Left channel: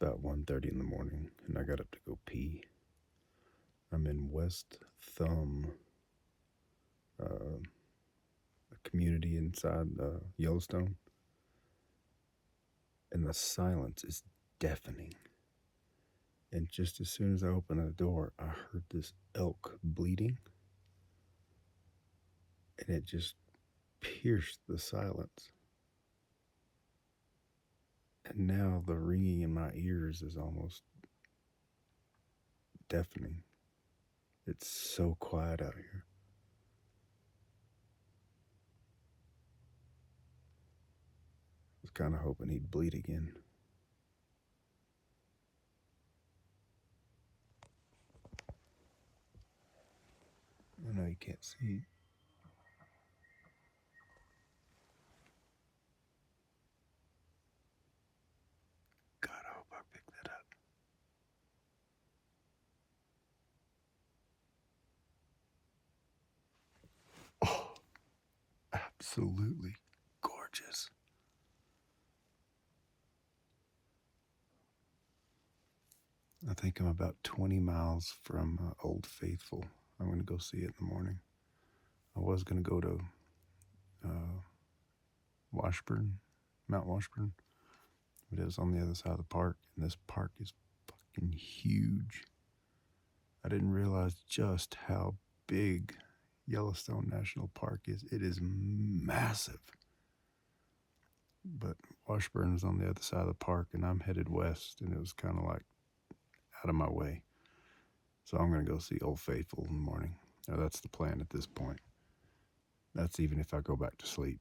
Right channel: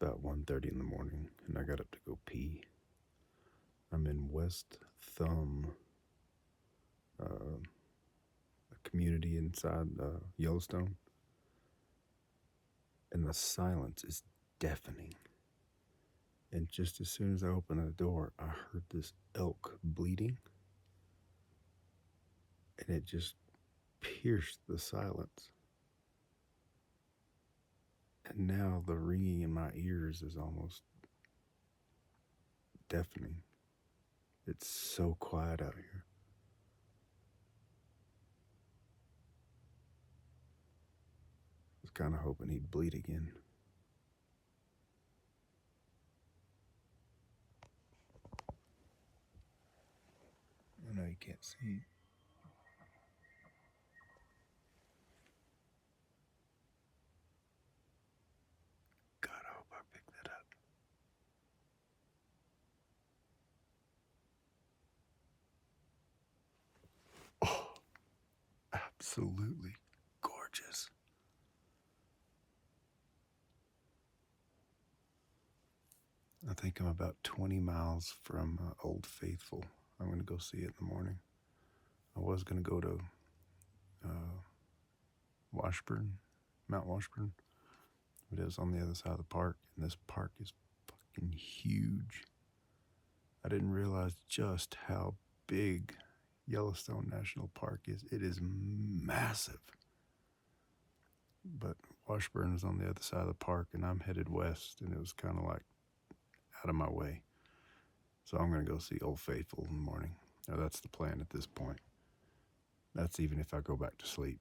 about 1:30 in the morning, and I got up to go pee. I'm in West Thumb, a community inside Yellowstone, and the silence is deafening. And just as soon as I opened the door, I heard this elk bleating, and it just pierced the silence. And now the ringing in my ears is almost deafening. It's so quiet out here. I was kind of hoping he'd bleed again. I know you can't see. God, I hope I picked that up. Oh, absolutely gorgeous. I think I'm about 20 miles from Old Faithful. I'm going to go see it in the morning. I was going to go to Washburn, Mount Washburn. It is on the other side of the park, and this park is fucking huge. I didn't realize just how big Yellowstone National Park is. It is massive. But Washburn is on the other side of the park, and I'm headed west, and it was kind of like out of my way. So I'm going to go see Old Faithful in the morning. Now, that's the plan at this point. That's even if I go back to sleep.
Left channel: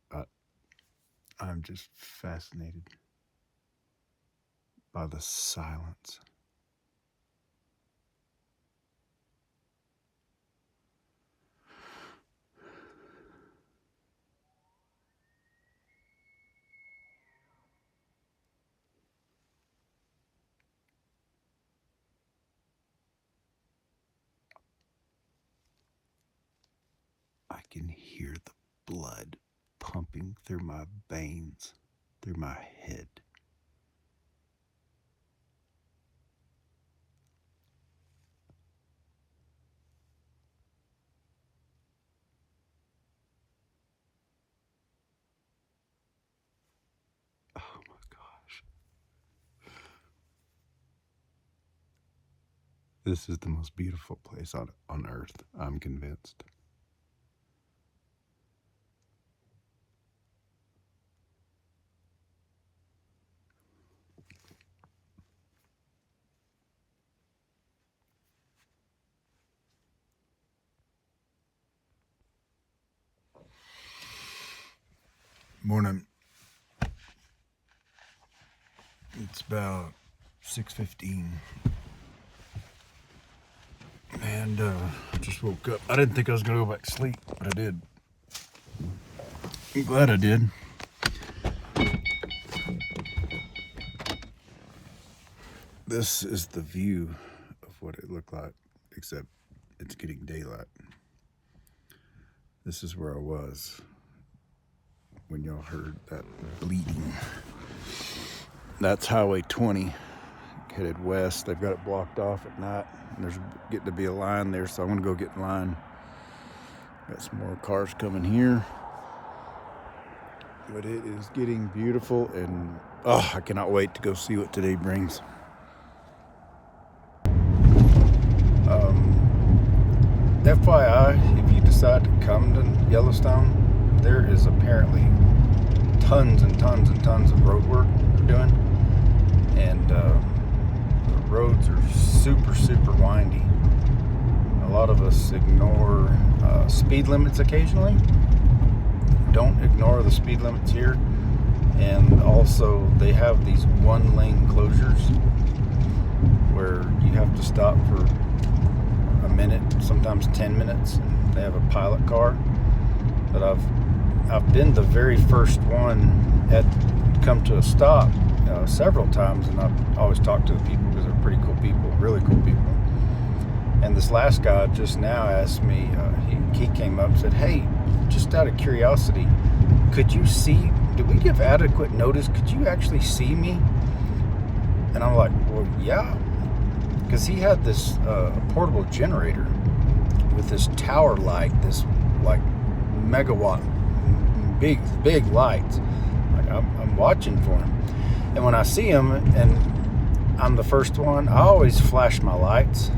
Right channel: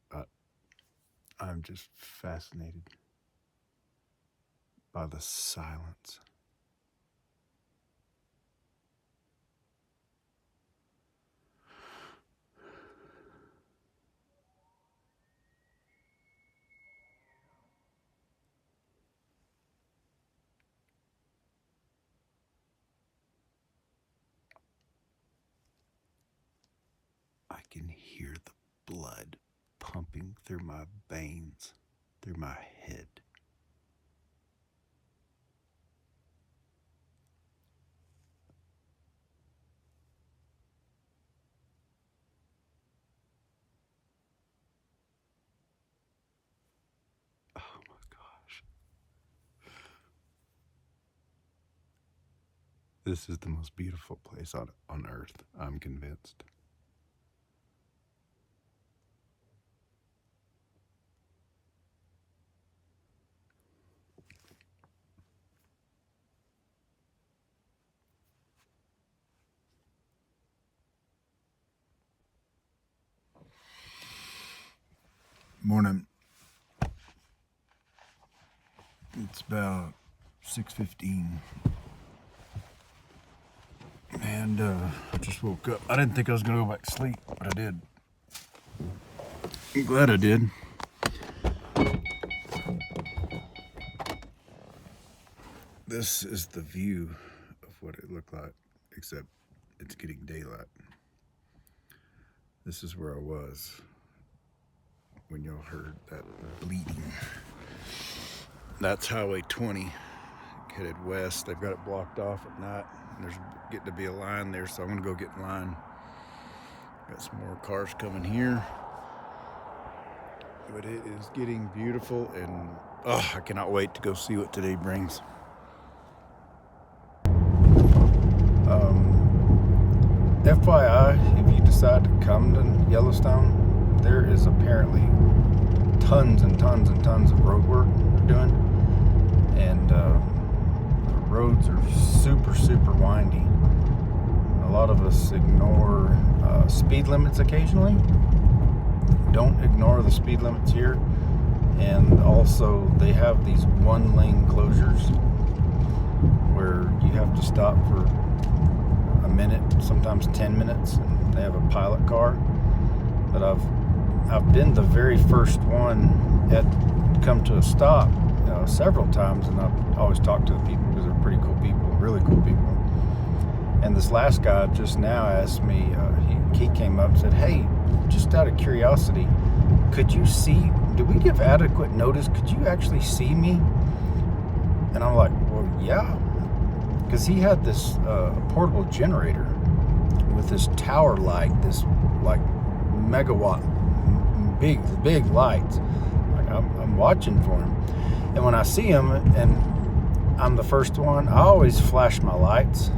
I'm just fascinated by the silence. I can hear the blood pumping through my veins, through my head. Oh my gosh. This is the most beautiful place on earth, I'm convinced. Morning. It's about 6:15. And I just woke up. I didn't think I was going to go back to sleep, but I did. I'm glad I did. This is the view of what it looked like, except it's getting daylight. This is where I was when y'all heard that bleeding. That's Highway 20, headed west. They've got it blocked off at night, and there's getting to be a line there, so I'm gonna go get in line. Got some more cars coming here, but it is getting beautiful, and I cannot wait to go see what today brings. FYI, if you decide to come to Yellowstone, there is apparently tons and tons and tons of road work they're doing, and the roads are super, super windy. A lot of us ignore speed limits occasionally. Don't ignore the speed limits here. And also, they have these one-lane closures where you have to stop for a minute, sometimes 10 minutes. And they have a pilot car. But I've been the very first one at come to a stop several times, and I've always talked to the people because they're pretty cool people, really cool people. And this last guy just now asked me, he came up and said, "Hey, just out of curiosity, did we give adequate notice? Could you actually see me?" And I'm like, well, yeah. Because he had this portable generator with this tower light, this like megawatt, big lights. Like I'm watching for him. And when I see him and I'm the first one, I always flash my lights.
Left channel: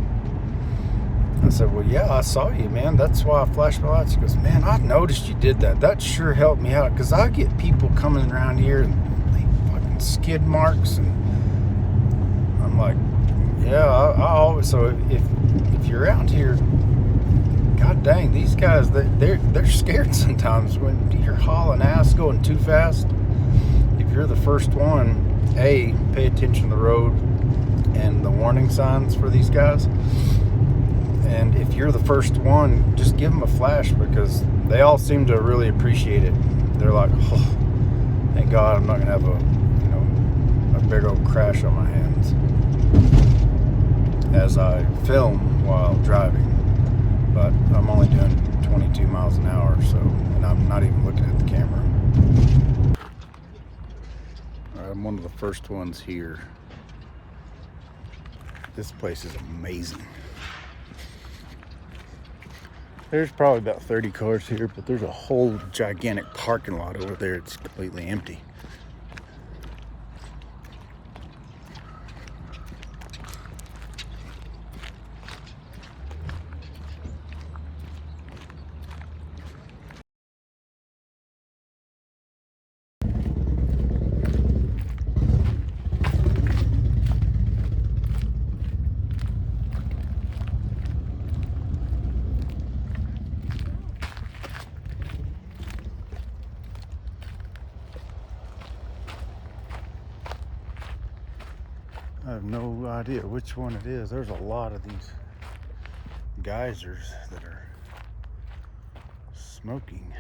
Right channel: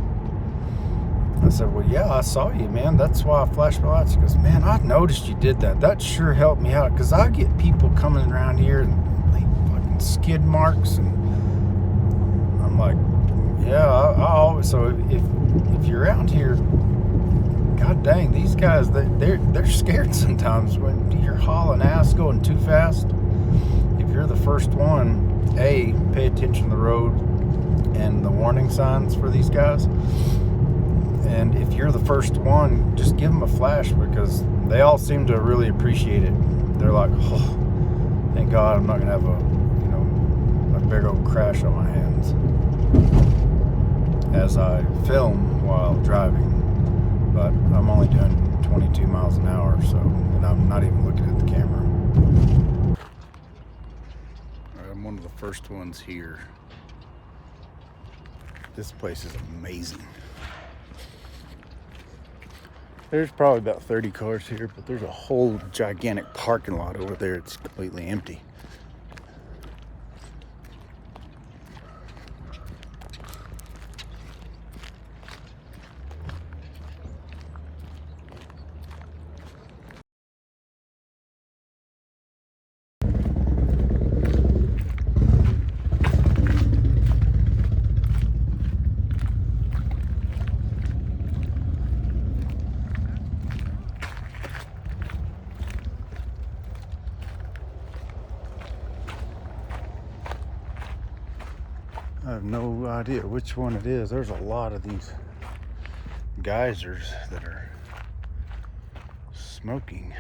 I said, well, yeah, I saw you, man. That's why I flashed my lights. He goes, man, I noticed you did that. That sure helped me out. Because I get people coming around here and they fucking skid marks. And I'm like, yeah, I always. So if you're around here, god dang, these guys, they're scared sometimes when you're hauling ass going too fast. If you're the first one, pay attention to the road and the warning signs for these guys. And if you're the first one, just give them a flash, because they all seem to really appreciate it. They're like, oh, thank God I'm not gonna have a big old crash on my hands as I film while driving. But I'm only doing 22 miles an hour, so, and I'm not even looking at the camera. All right, I'm one of the first ones here. This place is amazing. There's probably about 30 cars here, but there's a whole gigantic parking lot over there. It's completely empty. I have no idea which one it is. There's a lot of these geysers that are smoking.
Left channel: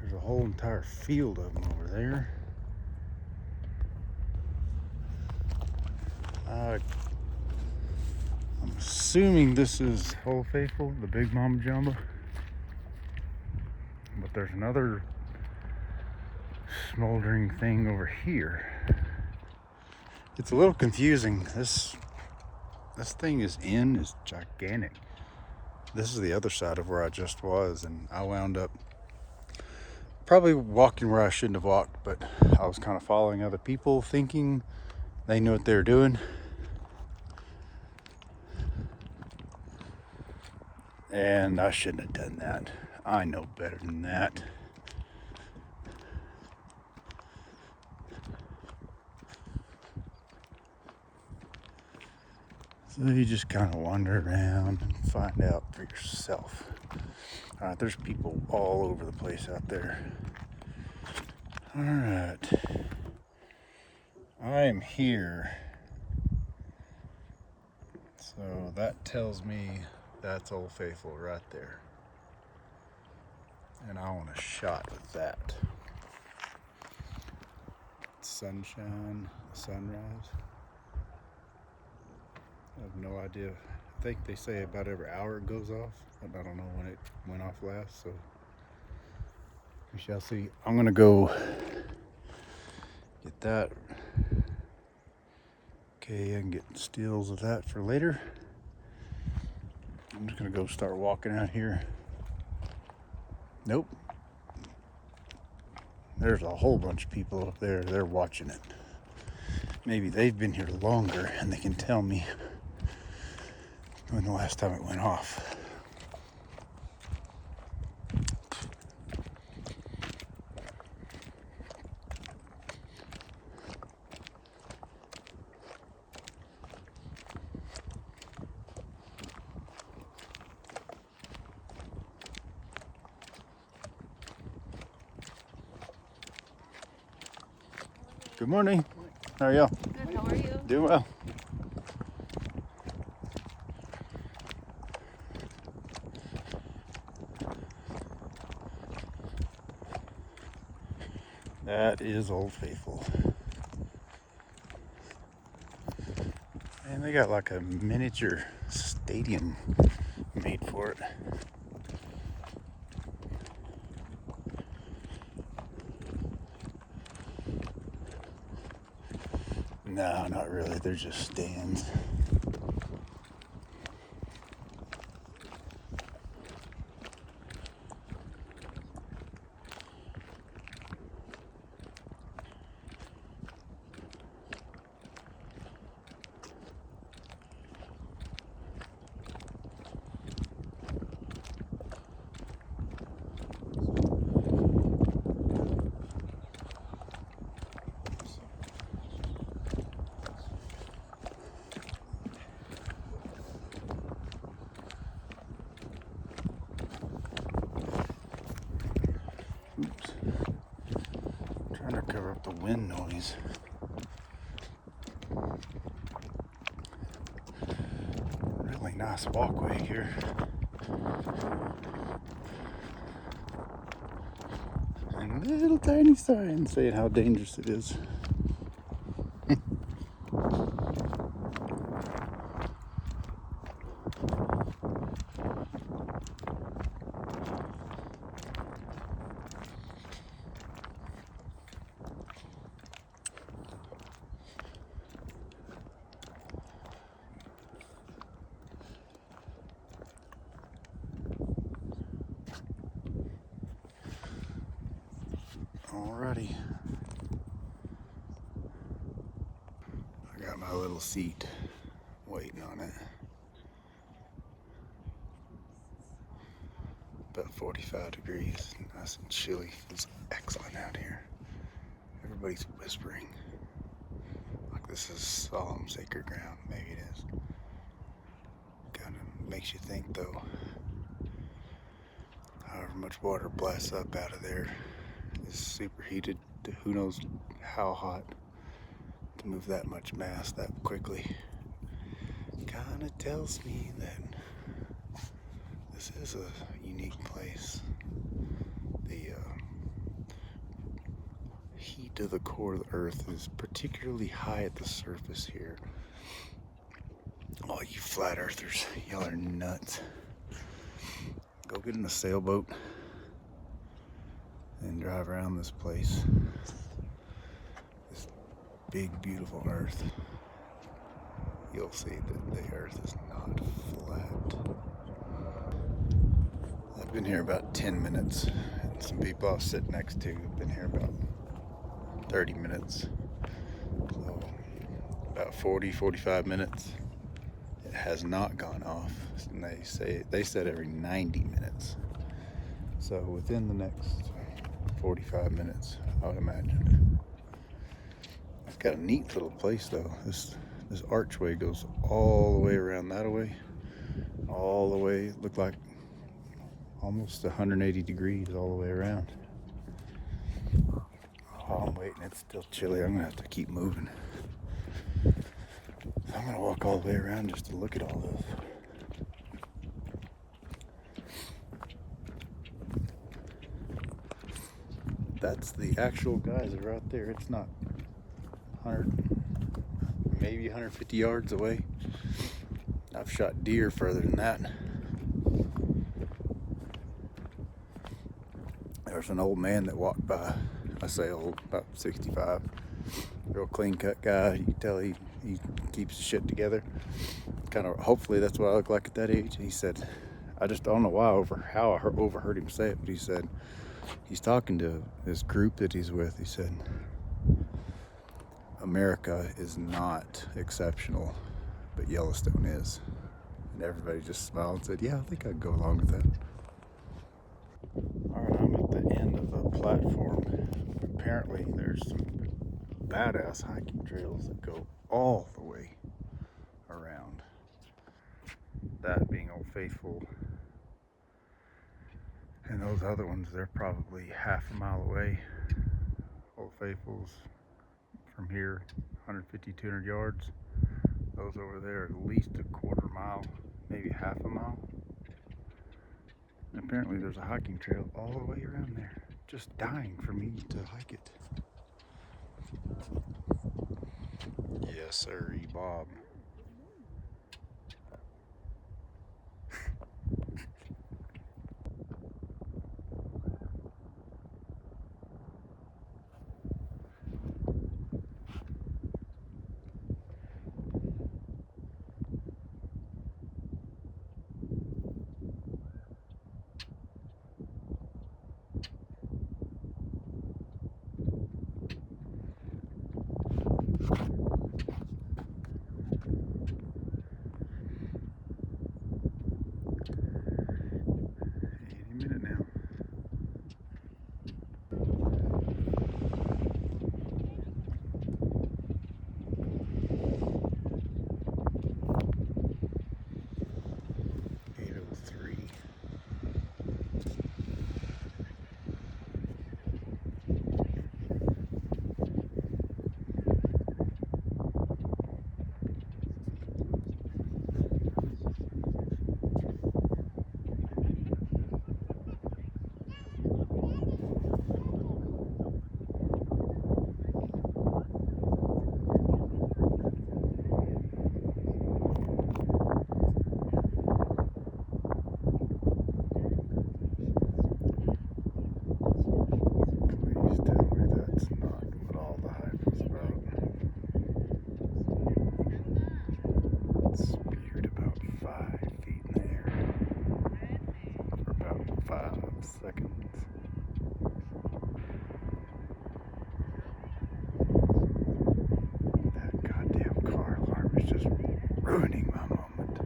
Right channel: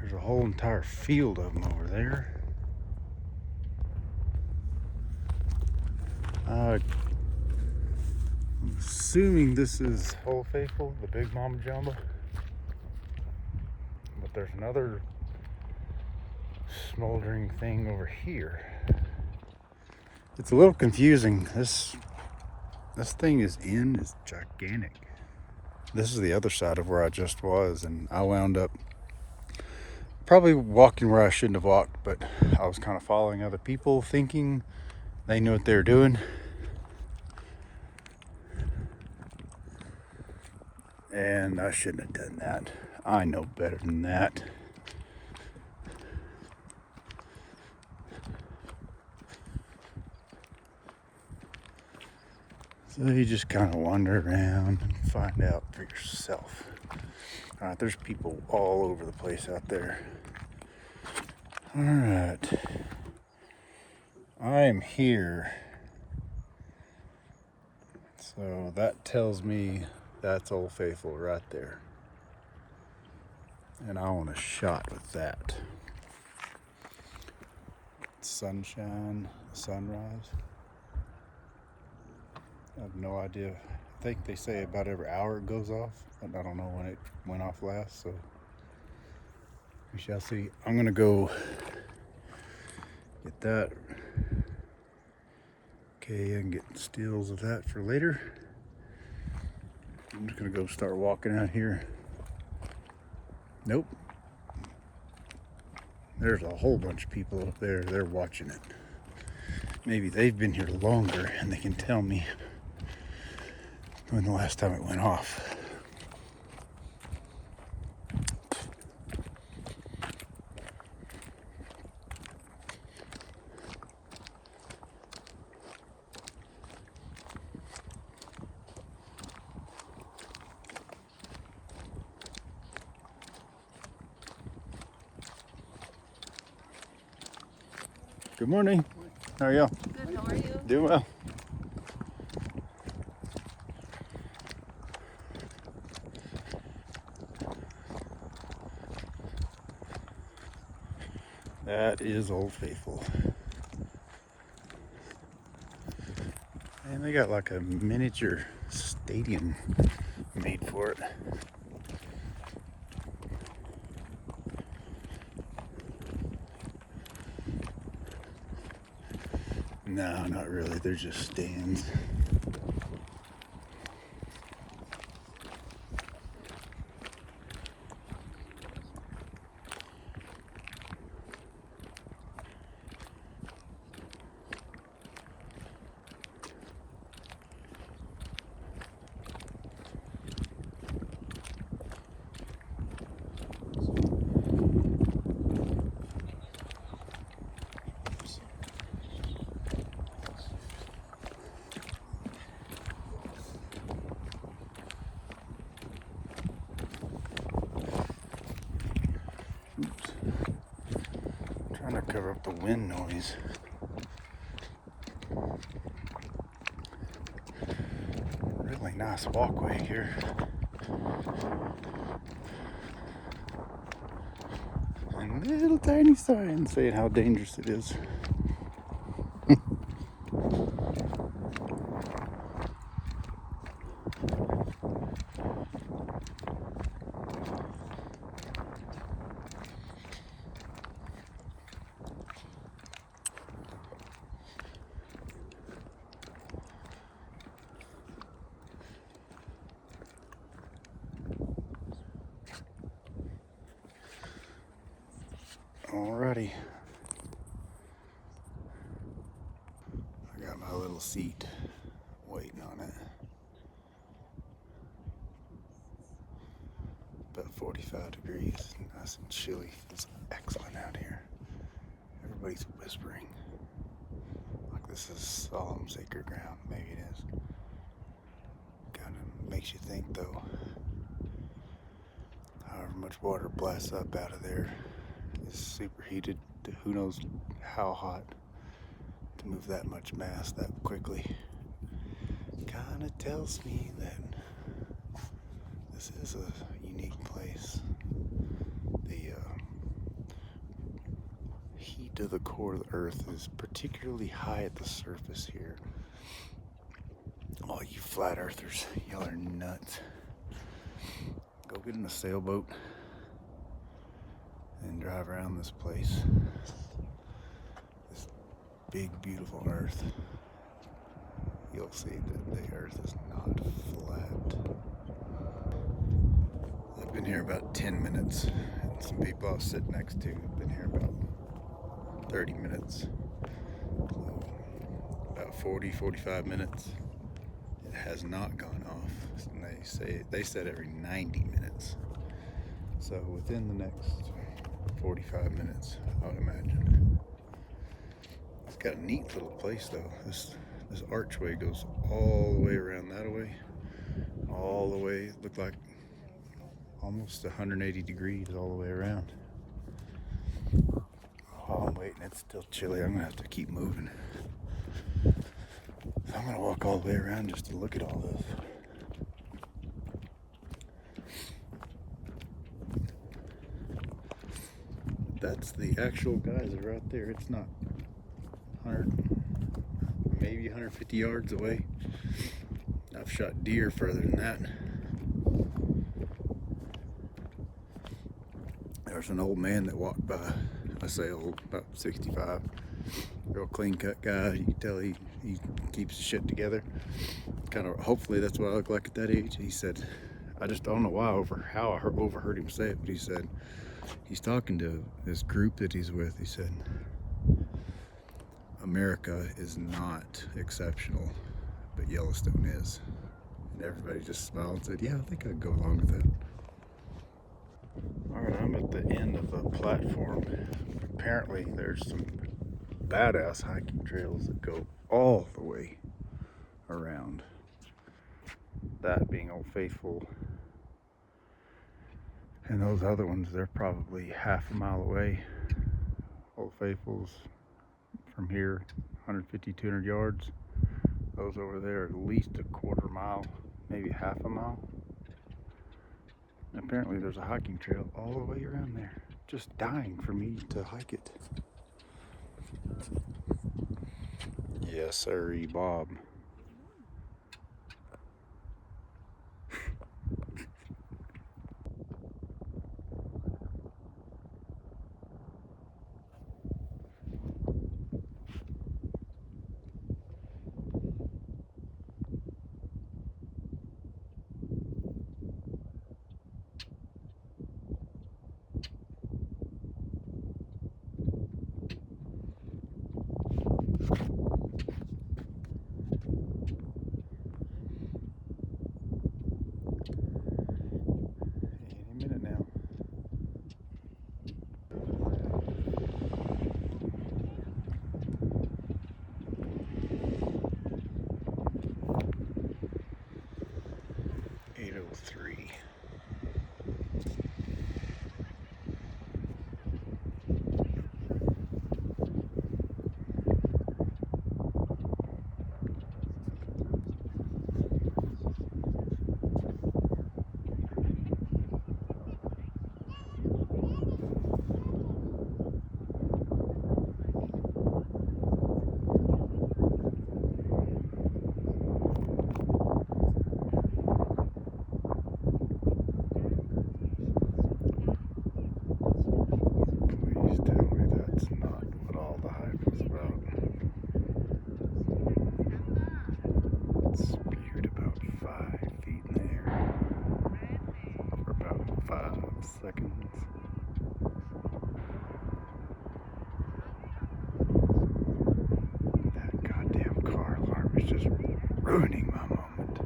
There's a whole entire field of them over there. I'm assuming this is Old Faithful, the Big Mama Jumbo. But there's another smoldering thing over here. It's a little confusing. This thing is gigantic. This is the other side of where I just was, and I wound up probably walking where I shouldn't have walked, but I was kind of following other people, thinking they knew what they were doing. And I shouldn't have done that. I know better than that. So you just kind of wander around and find out for yourself. There's people all over the place out there. All right. I am here. So that tells me that's Old Faithful right there. And I want to shop with that. Sunshine, sunrise. I have no idea. I think they say about every hour it goes off. And I don't know when it went off last, so we shall see. I'm gonna go get that. Okay, I can get stills of that for later. I'm just gonna go start walking out here. Nope. There's a whole bunch of people up there. They're watching it. Maybe they've been here longer and they can tell me when the last time it went off. Good morning. How are y'all? Good, how are you? Doing well. That is Old Faithful. And they got like a miniature stadium made for it. And No, not really. They're just stands. Trying to cover up the wind noise. Really nice walkway here. And little tiny sign saying how dangerous it is. Alrighty. I got my little seat waiting on it. About 45 degrees, nice and chilly. It's excellent out here. Everybody's whispering. Like this is solemn, sacred ground. Maybe it is. Kind of makes you think though. However much water blasts up out of there is superheated to who knows how hot to move that much mass that quickly. Kind of tells me that this is a unique place. The heat of the core of the earth is particularly high at the surface here. All you flat earthers, y'all are nuts. Go get in a sailboat and drive around this place. This big, beautiful earth. You'll see that the earth is not flat. I've been here about 10 minutes, and some people I sit next to have been here about 30 minutes. So about 45 minutes. It has not gone off, and they said every 90 minutes. So within the next 45 minutes, I would imagine. It's got a neat little place though. This archway goes all the way around that way, all the way. Looked like almost 180 degrees all the way around. While I'm waiting, it's still chilly. I'm gonna have to keep moving. I'm gonna walk all the way around just to look at all this. That's the actual geyser right there. It's not 100, maybe 150 yards away. I've shot deer further than that. There's an old man that walked by. I say old, about 65. Real clean cut guy. You can tell he keeps his shit together. Kind of, hopefully that's what I look like at that age. He said, I just don't know why how I overheard him say it, but he said he's talking to this group that he's with. He said, America is not exceptional, but Yellowstone is. And everybody just smiled and said, yeah, I think I'd go along with that. All right, I'm at the end of a platform. Apparently there's some badass hiking trails that go all the way around. That being Old Faithful. And those other ones, they're probably half a mile away. Old Faithful's from here, 150, 200 yards. Those over there are at least a quarter mile, maybe half a mile. And apparently there's a hiking trail all the way around there. Just dying for me to hike it. Yes, sirree, Bob. seconds. That goddamn car alarm is just ruining my moment.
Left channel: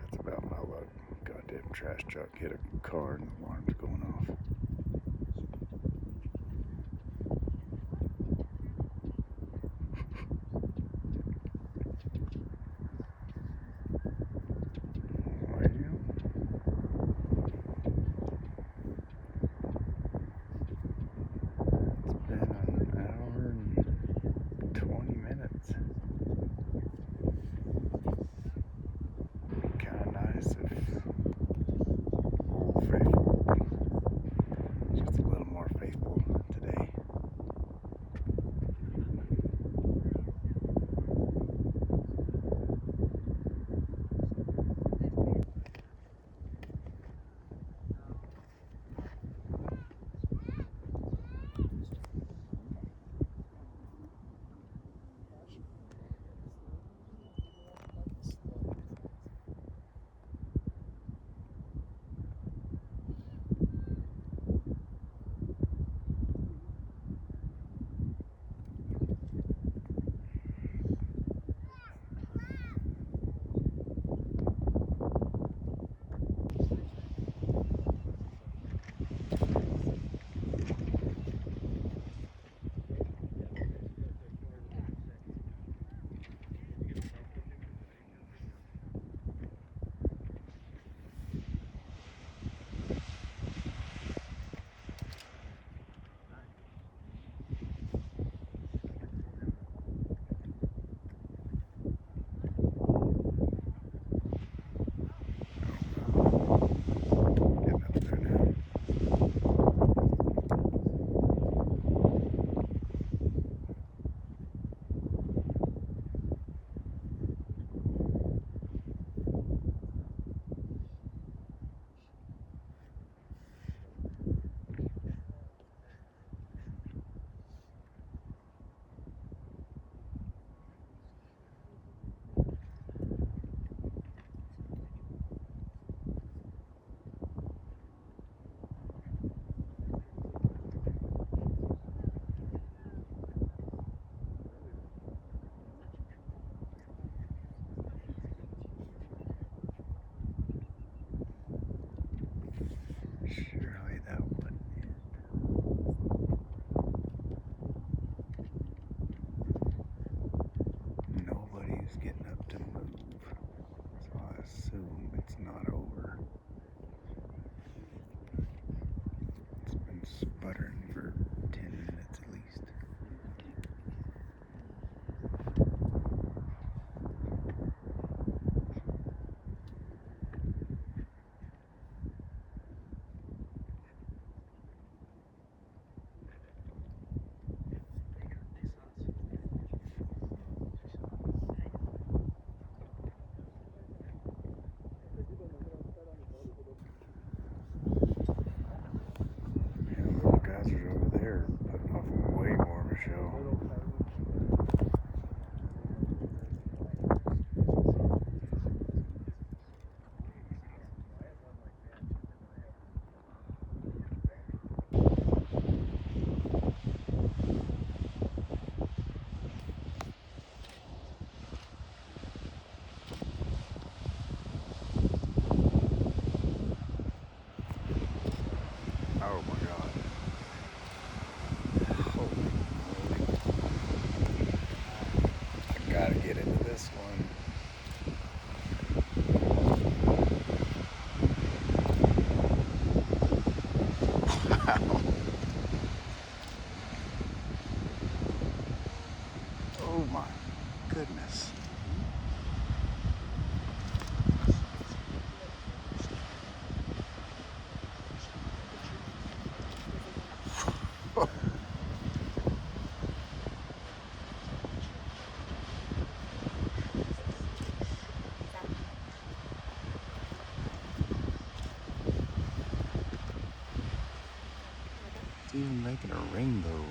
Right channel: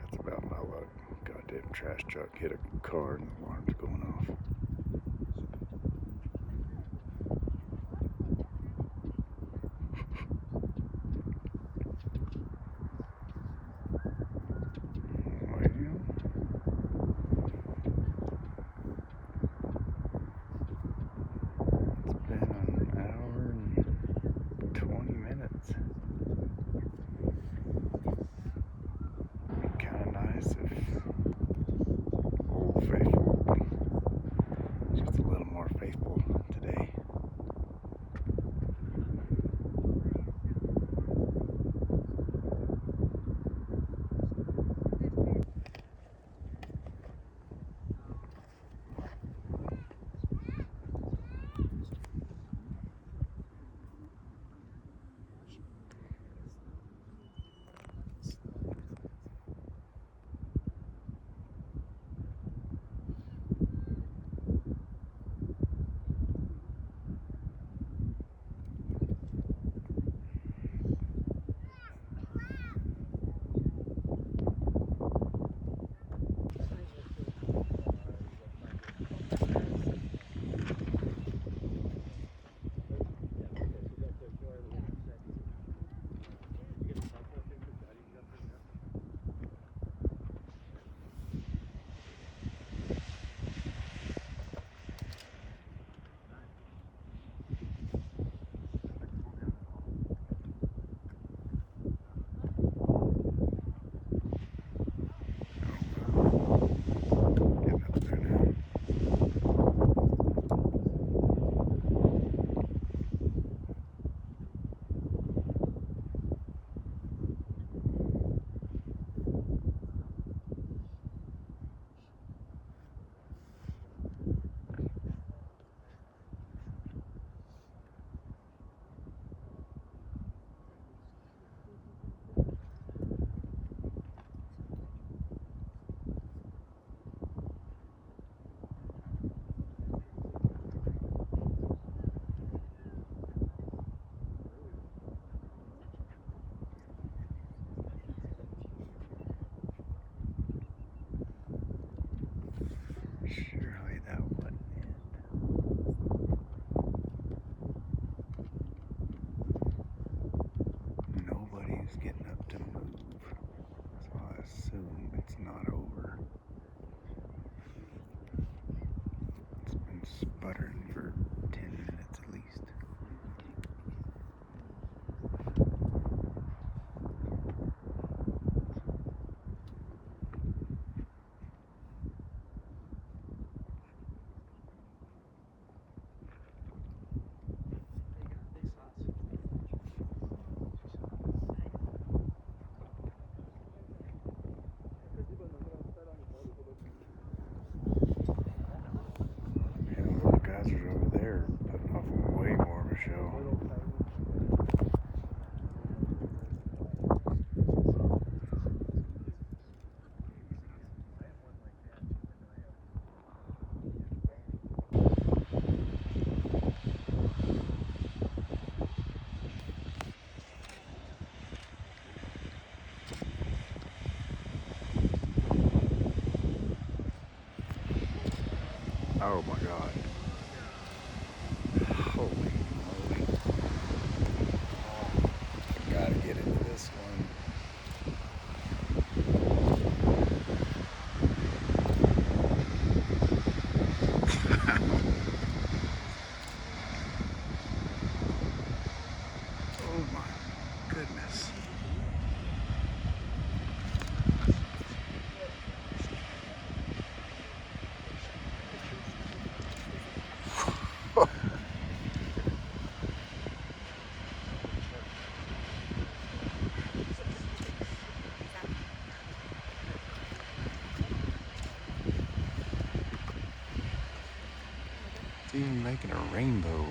That's about my luck. Goddamn trash truck hit a car and the alarm's going off. It's been an hour and 20 minutes. It'd be kind of nice if Old Faithful was just a little more faithful today. Getting up there now. Surely that wouldn't end. Nobody's getting up to move, so I assume it's not over. It's been sputtering for 10 minutes at least. It's even making a rainbow.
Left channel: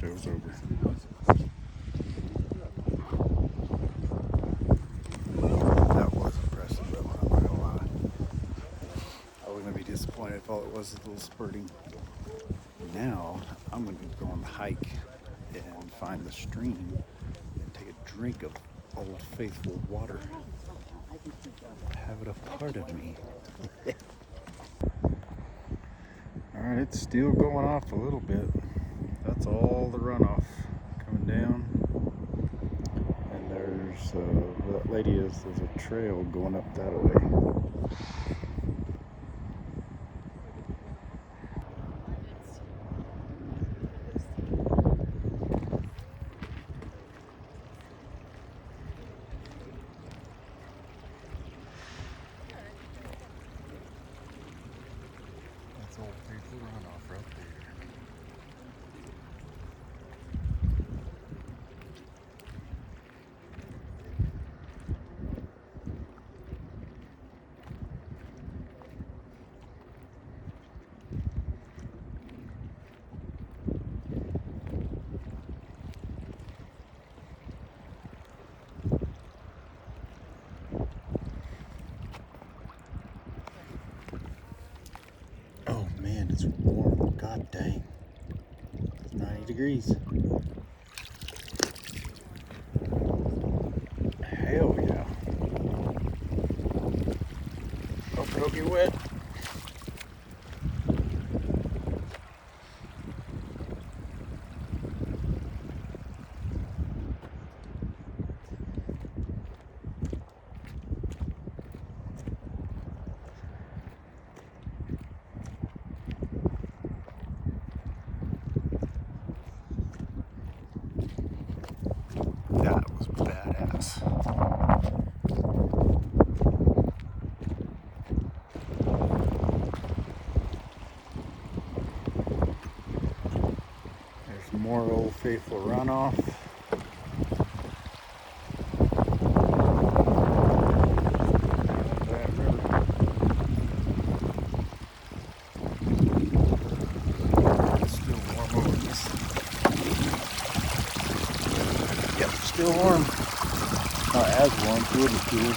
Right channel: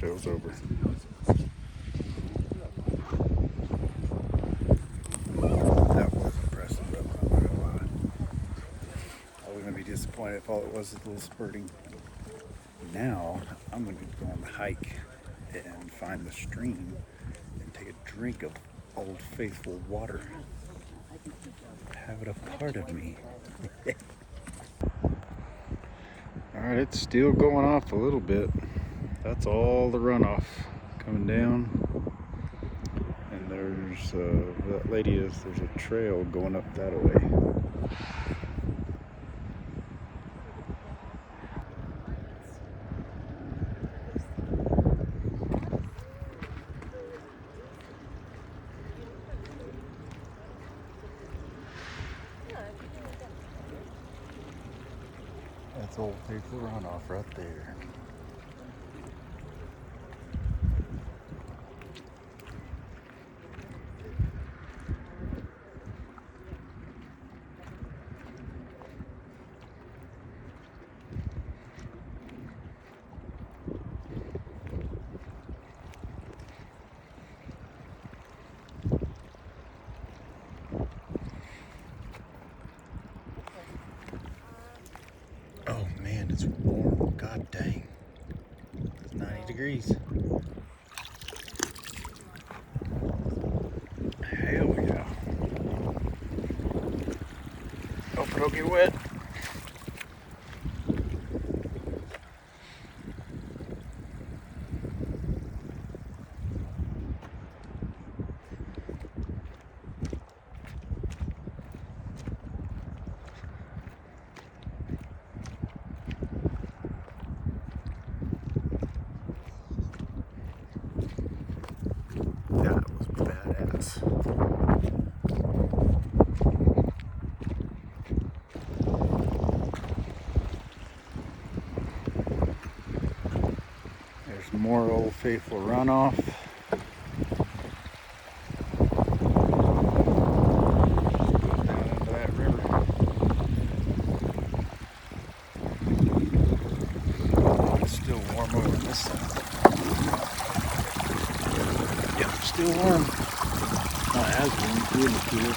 Show's over. That was impressive though, I'm not gonna lie. I was gonna be disappointed if all it was a little spurting. Now I'm gonna go on the hike and find the stream and take a drink of Old Faithful water. Have it a part of me. Alright, it's still going off a little bit. That's all the runoff coming down. And there's, that lady is, there's a trail going up that way. That's Old Faithful runoff right there. Oh man, it's warm. God dang. It's 90 degrees. Hell yeah. Hope it don't get wet. more Old Faithful runoff. That river. It's still warm over this side. Yep, still warm. Not as warm, good as good.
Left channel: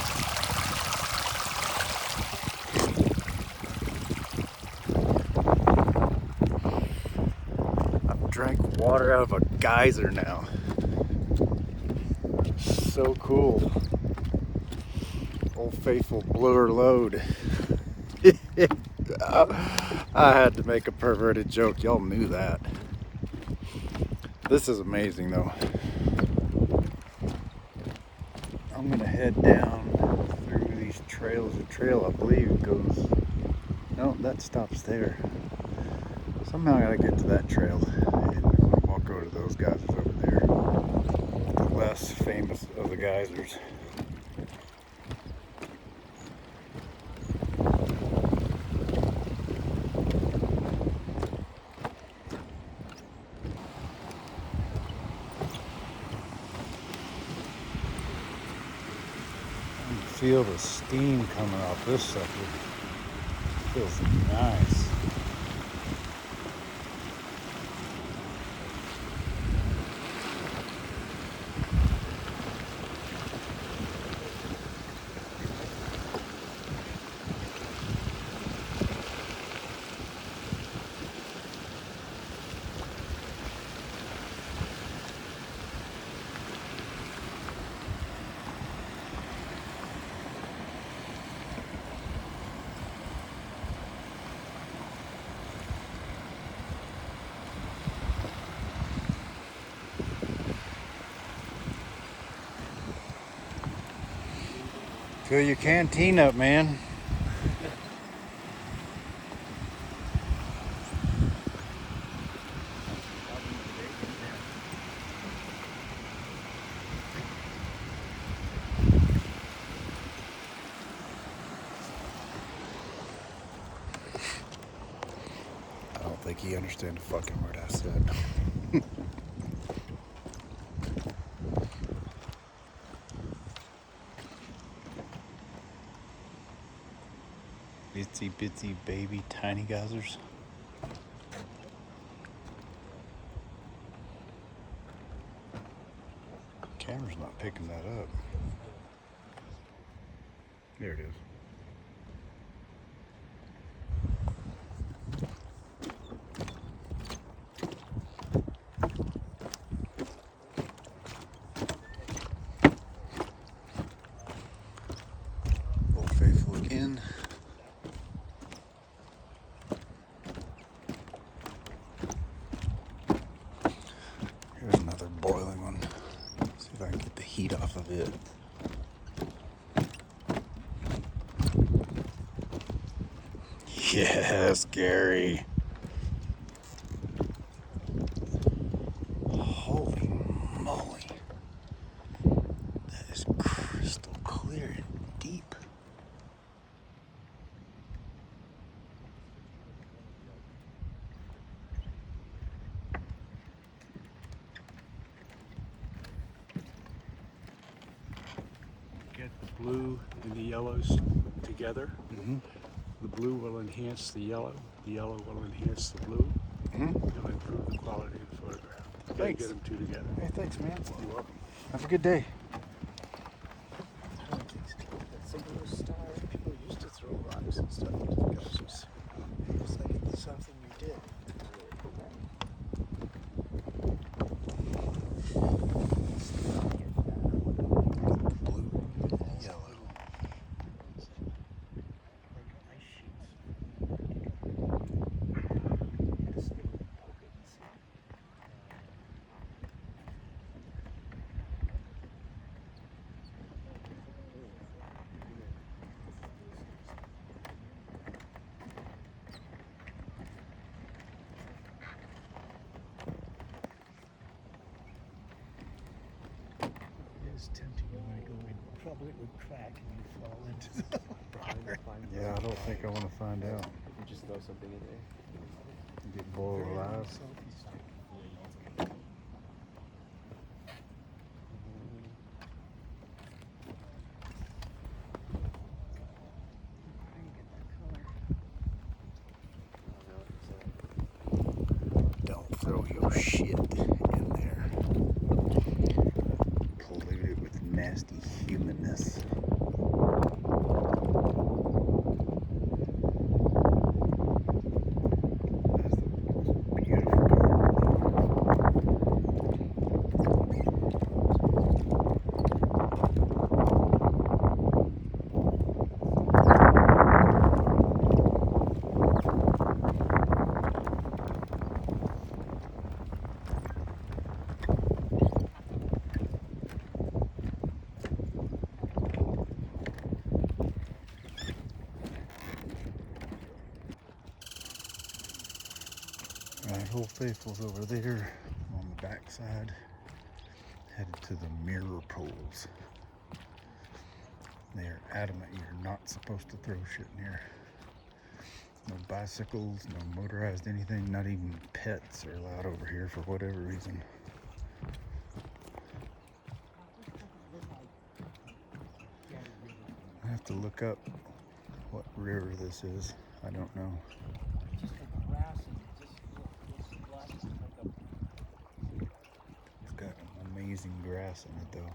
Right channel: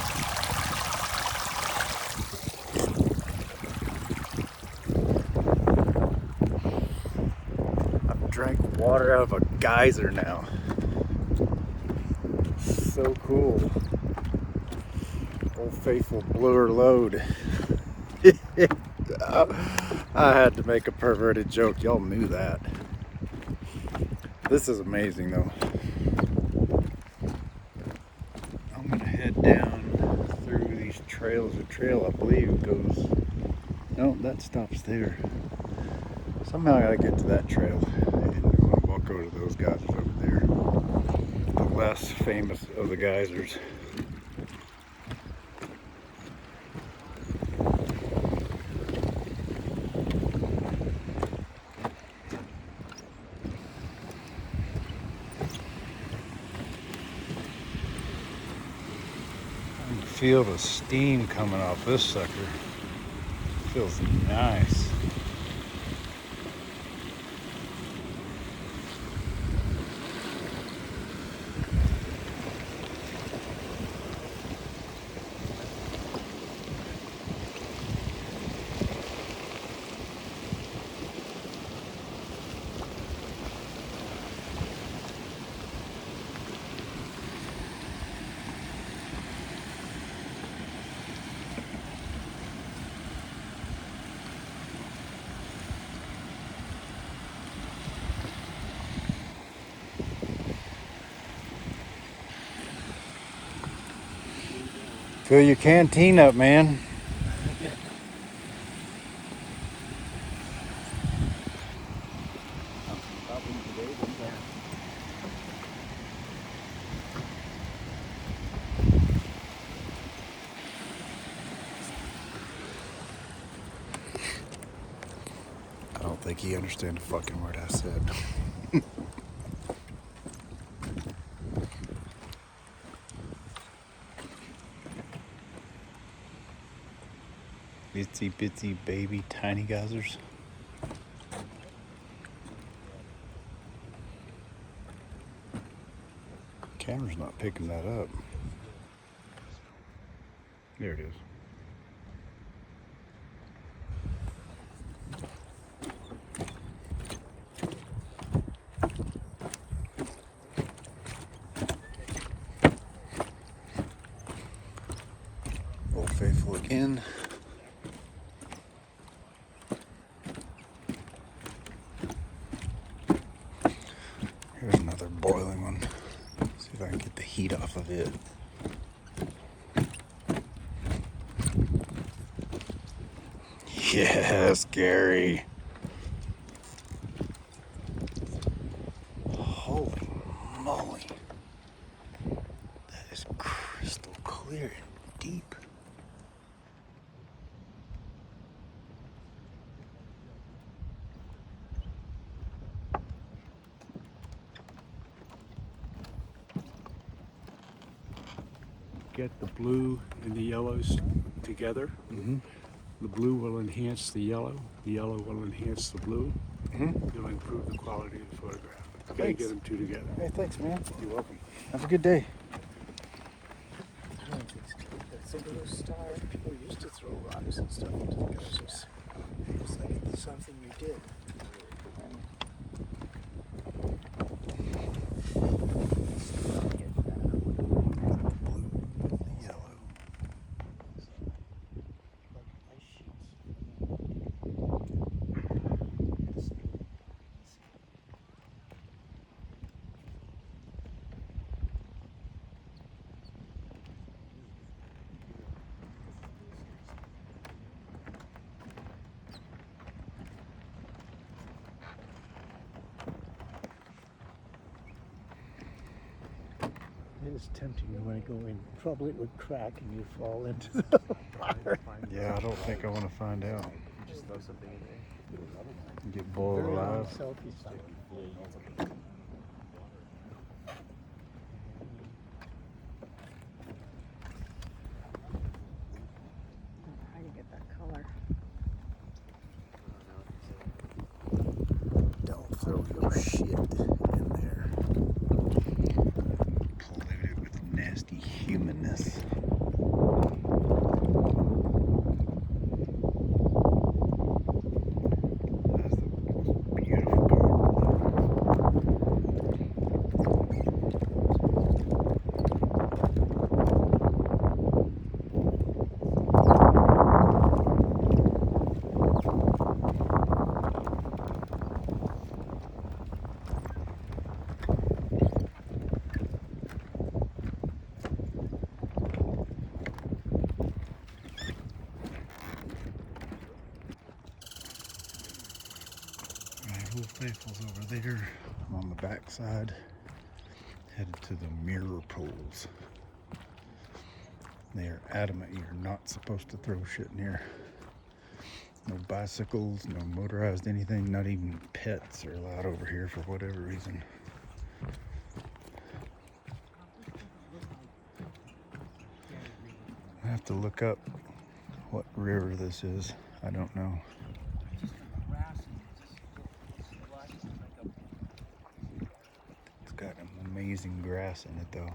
Drank water out of a geyser now. So cool. Old Faithful blew her load. I had to make a perverted joke. Y'all knew that. This is amazing though. I'm gonna head down through these trails. The trail I believe goes, no, that stops there. Somehow I gotta get to that trail. I'll go to those geysers over there. The less famous of the geysers. I can feel the steam coming off this sucker. Feels nice. Fill your canteen up, man. I don't think he understood the fucking word I said. Bitsy bitsy baby tiny geysers. Camera's not picking that up. There it is. Old Faithful again. Here's another boiling one. See if I can get the heat off of it. Yes, Gary. Holy moly. That is crystal clear and deep. Get the blue and the yellows together. Mm-hmm. The blue will enhance the yellow will enhance the blue. Mm-hmm. It'll improve the quality of the photograph. Gotta Thanks. get them two together. Hey, thanks, man. You're welcome. Have a good day. People used to throw rocks and stuff into the geysers. It's something we did. Yellow. It's tempting you when I go in. Probably it would crack and you fall into the fire. Yeah, I don't think I want to find out. You just throw something in there. Get boiled alive. Selfie site. shit in there. Polluted with nasty humanness. Right, Old Faithful's over there on the backside, headed to the mirror poles. They are adamant you're not supposed to throw shit in here. No bicycles, no motorized anything, not even pets are allowed over here for whatever reason. I have to look up what river this is. I don't know. It's got amazing grass in it though.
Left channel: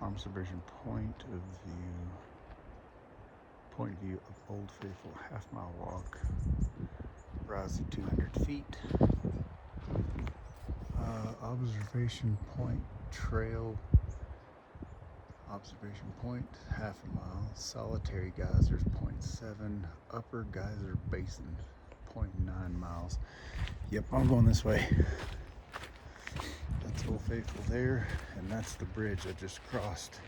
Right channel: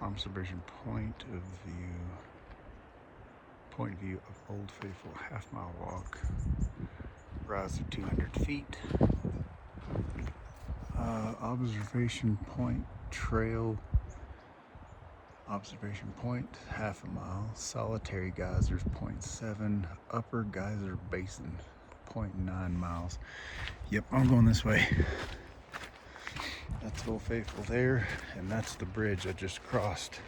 Observation point of view of Old Faithful half-mile walk, rise of 200 feet. Observation point trail, observation point half a mile, solitary geysers 0.7, upper geyser basin 0.9 miles. Yep, I'm going this way. That's Old Faithful there, and that's the bridge I just crossed.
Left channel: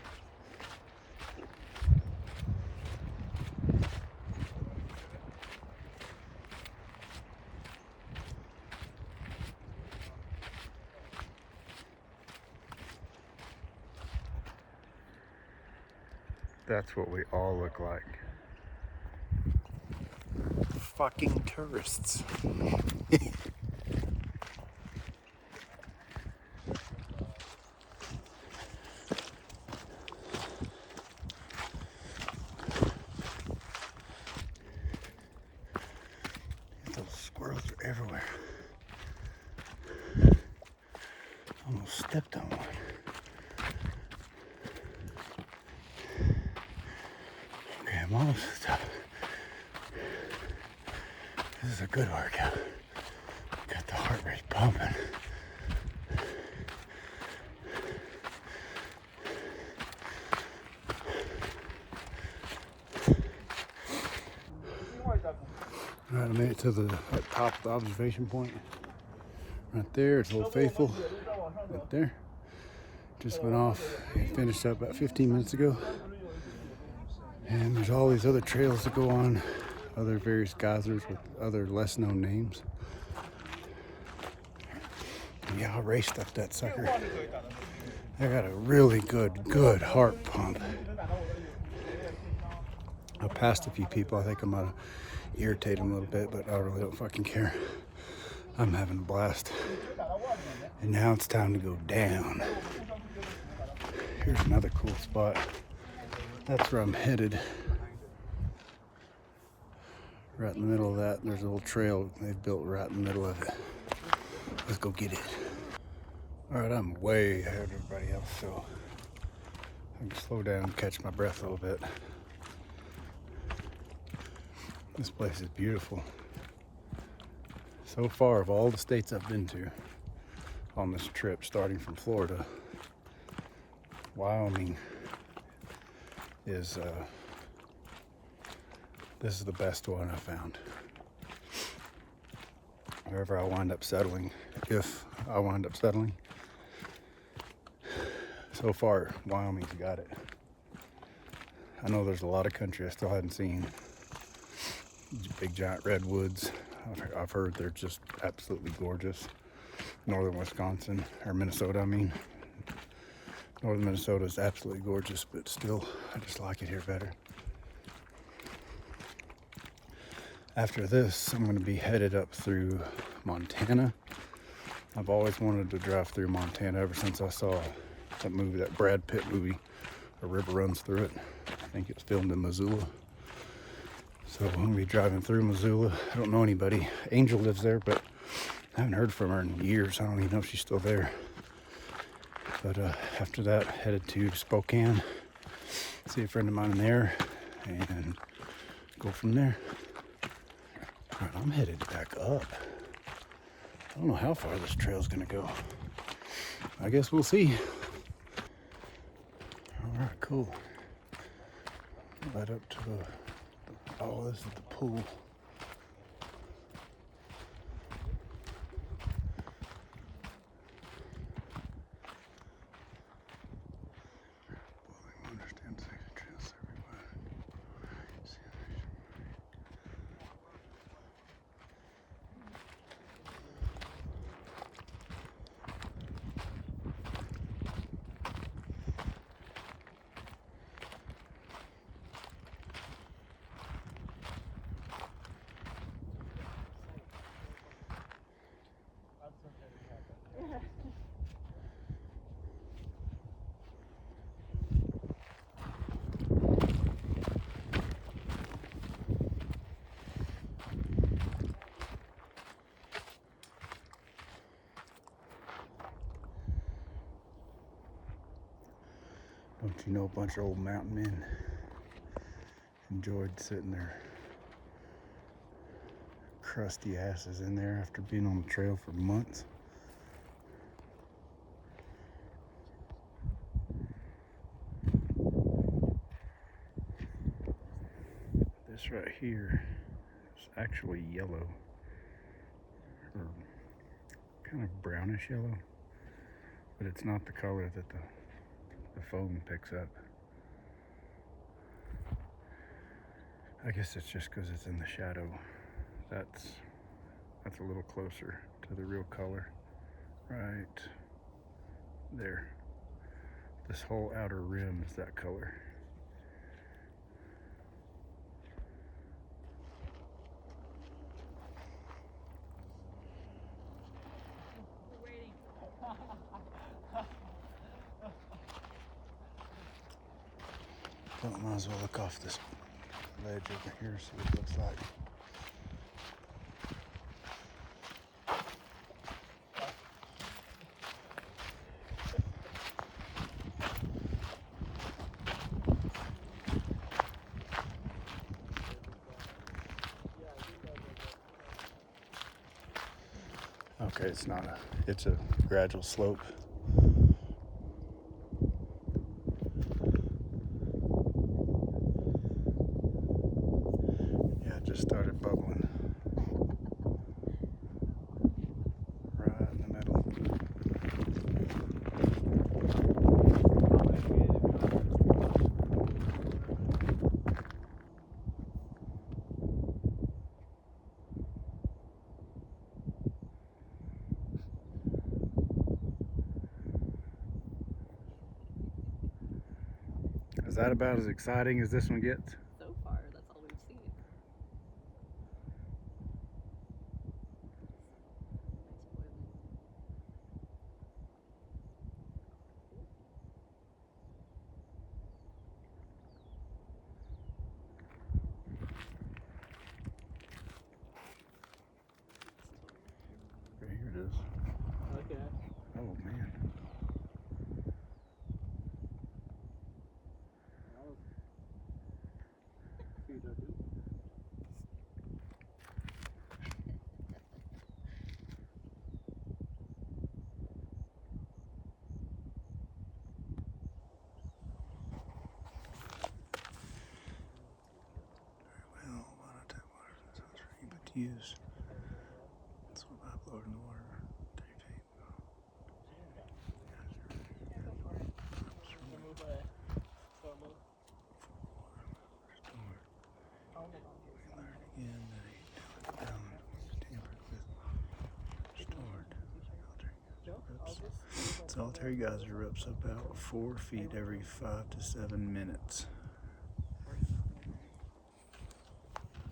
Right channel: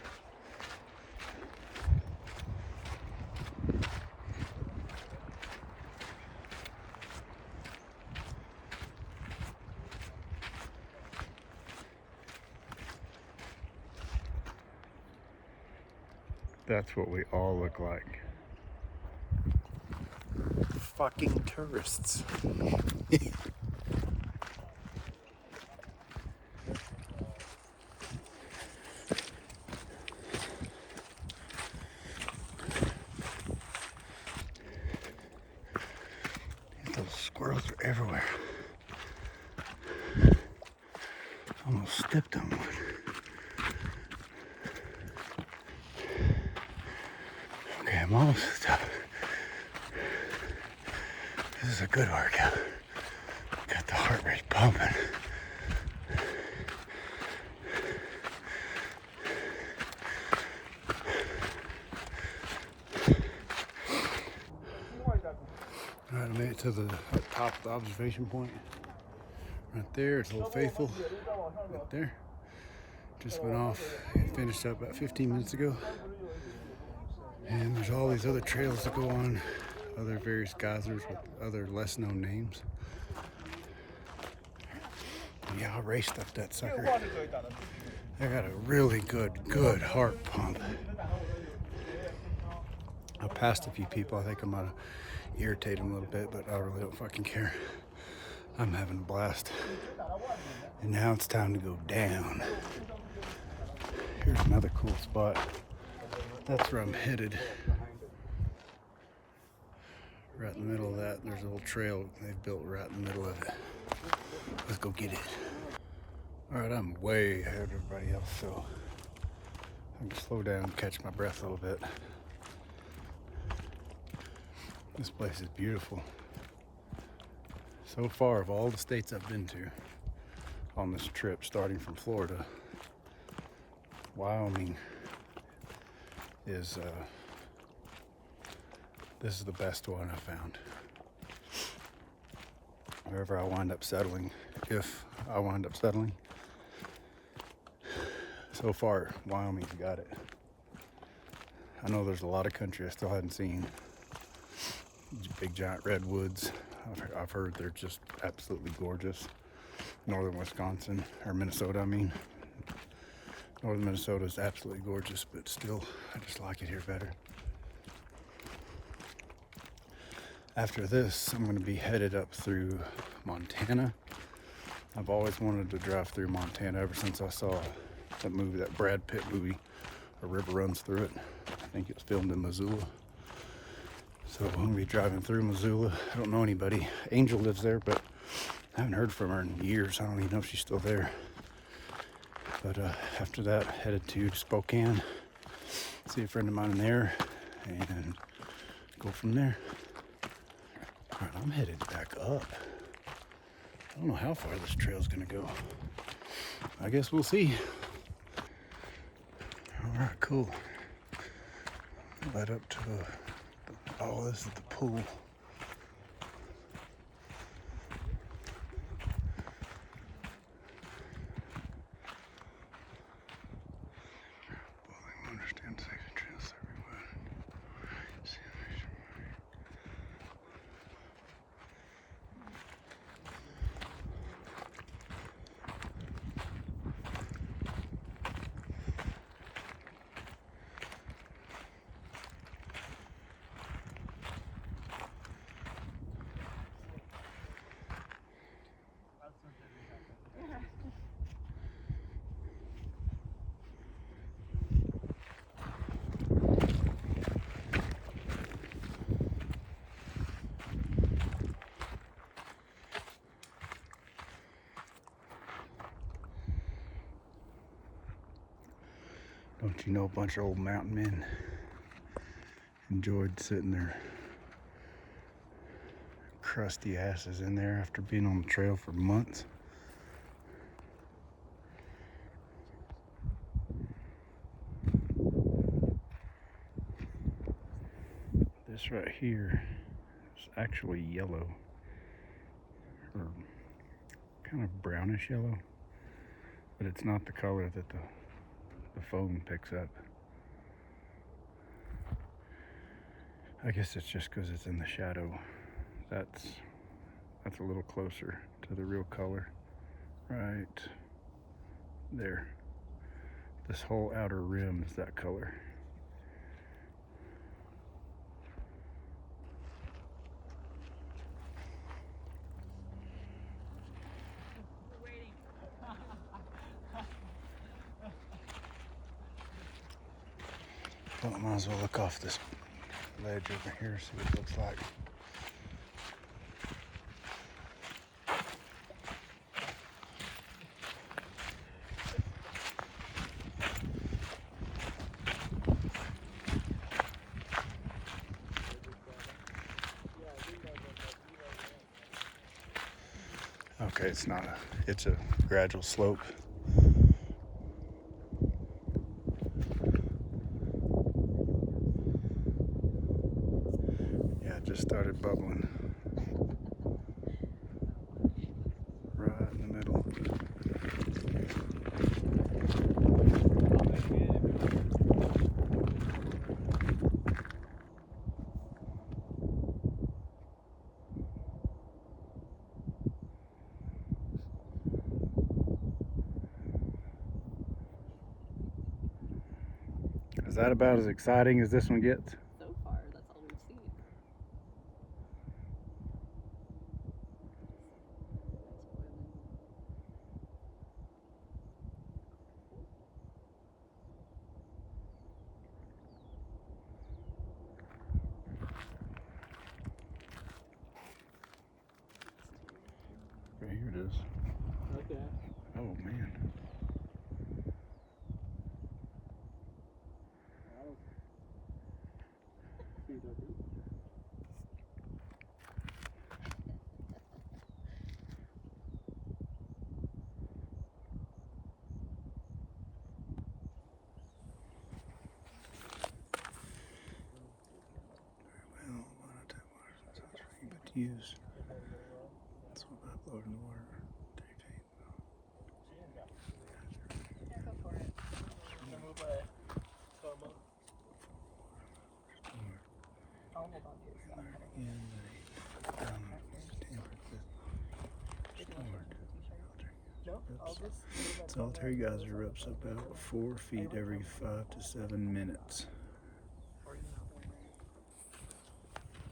That's what we all look like. Fucking tourists. Those squirrels are everywhere. Almost stepped on one. Okay, I'm almost done. This is a good workout. Got the heart rate pumping. All right, I made it to the top of the observation point. Right there, it's Old Faithful. Right there. Just went off and finished up about 15 minutes ago. And there's all these other trails to go on, other various geysers with other less known names. And yeah, I raced up that sucker. I got a really good heart pump. I passed a few people. I think I might have irritated them a little bit, but I really don't fucking care. I'm having a blast. And now it's time to go down. Here's another cool spot. That's where I'm headed. Right in the middle of that, there's a little trail they've built right in the middle of it. Let's go get it. All right, I'm way ahead of everybody else, so I can slow down and catch my breath a little bit. This place is beautiful. So far, of all the states I've been to on this trip, starting from Florida, Wyoming is this is the best one I found. Wherever I wind up settling, if I wind up settling, So far, Wyoming's got it. I know there's a lot of country I still hadn't seen. Big giant redwoods. I've heard they're just absolutely gorgeous. Northern Wisconsin, or Minnesota, I mean. Northern Minnesota is absolutely gorgeous, but still, I just like it here better. After this, I'm going to be headed up through Montana. I've always wanted to drive through Montana ever since I saw that movie, that Brad Pitt movie, A River Runs Through It. I think it's filmed in Missoula. So I'm going to be driving through Missoula. I don't know anybody. Angel lives there, but I haven't heard from her in years. I don't even know if she's still there. But after that, headed to Spokane, see a friend of mine there, and go from there. All right, I'm headed back up. I don't know how far this trail's gonna go. I guess we'll see. All right, cool. Right up to oh, this is the pool. Don't you know, a bunch of old mountain men enjoyed sitting their crusty asses in there after being on the trail for months. This right here is actually yellow, or kind of brownish yellow, but it's not the color that the phone picks up. I guess it's just because it's in the shadow. That's a little closer to the real color. Right there. This whole outer rim is that color. Well, I might as well look off this ledge over here, see what it looks like. Okay, it's a gradual slope. Yeah, it just started bubbling. Right in the middle. Is that about as exciting as this one gets? So far, that's all we've seen. Okay, here it is. Okay. Oh man. Well, why not tap water from the sunscreen, but to use. So by blowing the water. Solitary geyser erupts about 4 feet every 5 to 7 minutes.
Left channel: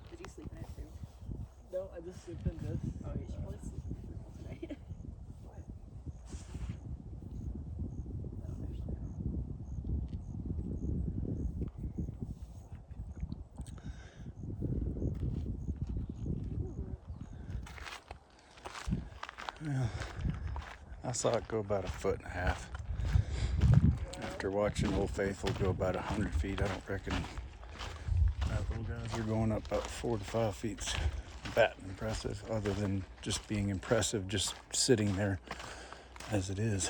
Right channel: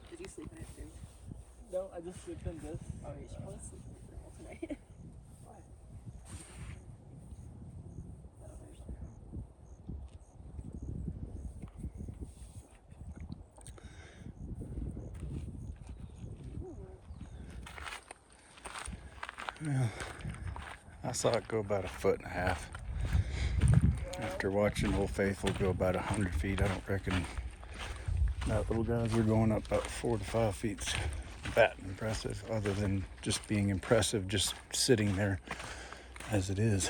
Did you sleep in it too? No, I just sleep in this. Oh, you should probably sleep in it tonight. Well, I saw it go about 1.5 feet. After watching Old Faithful go about 100 feet, I don't reckon that little geyser going up about 4 to 5 feet that impressive, other than just being impressive just sitting there as it is.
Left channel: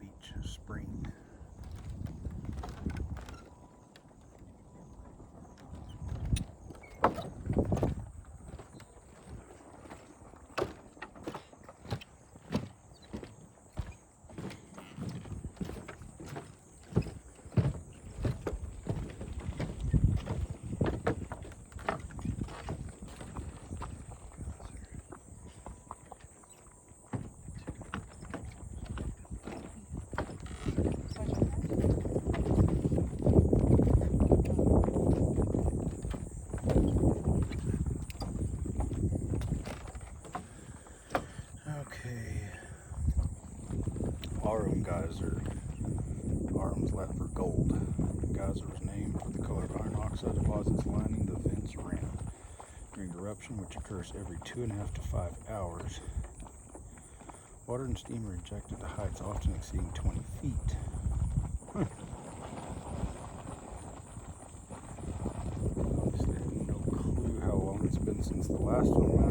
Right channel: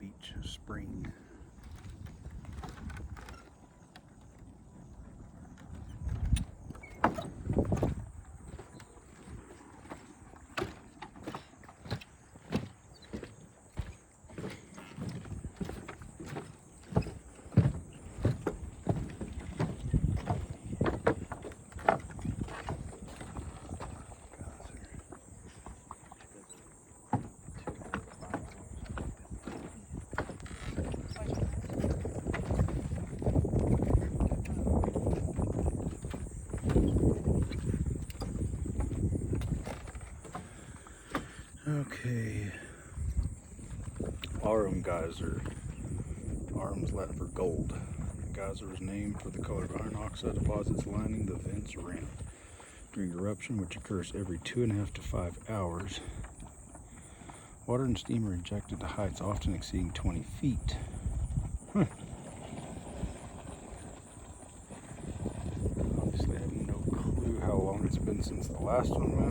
Beach Spring. Okay. Aurum geyser. Aurum's Latin for gold. The geyser was named for the color of iron oxide deposits lining the vent's rim. During eruption, which occurs every 2.5 to 5 hours, water and steam are ejected to heights often exceeding 20 feet. Obviously, I have no clue how long it's been since the last one went.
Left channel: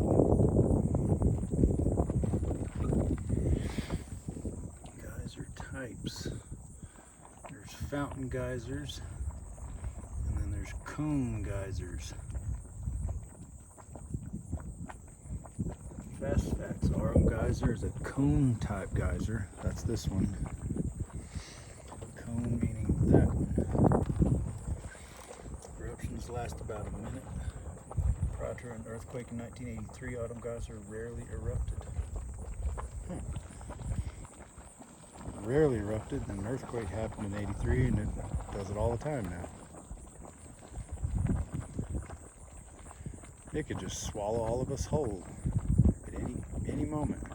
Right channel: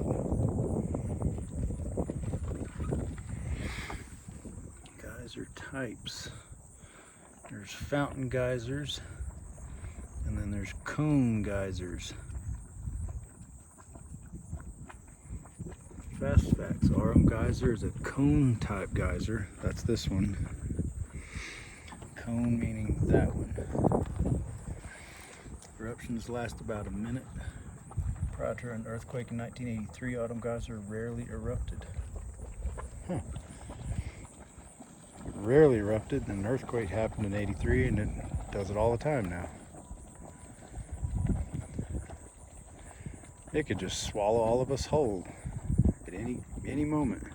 Geyser types. There's fountain geysers, and then there's cone geysers. Fast facts. Aurum geyser is a cone type geyser. That's this one. Cone meaning that one. Eruptions last about a minute. Prior to an earthquake in 1983, Aurum geyser rarely erupted. Rarely erupted, and an earthquake happened in '83, and it does it all the time now. It could just swallow all of us whole at any moment.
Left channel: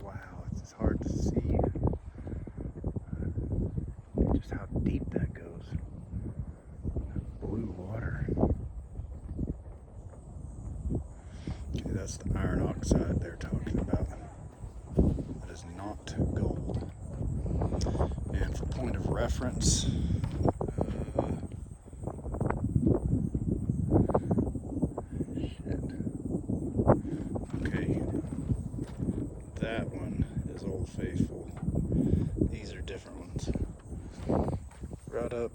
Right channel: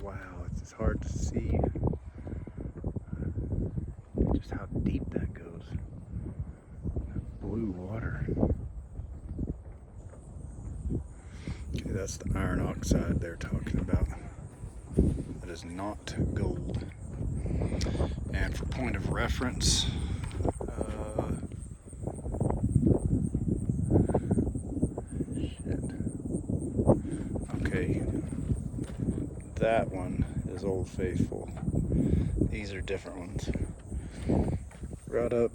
Wow, it's hard to see just how deep that goes. That blue water. Okay, that's the iron oxide they're talking about. It is not gold. And for point of reference, okay, that one is Old Faithful. These are different ones. Right up,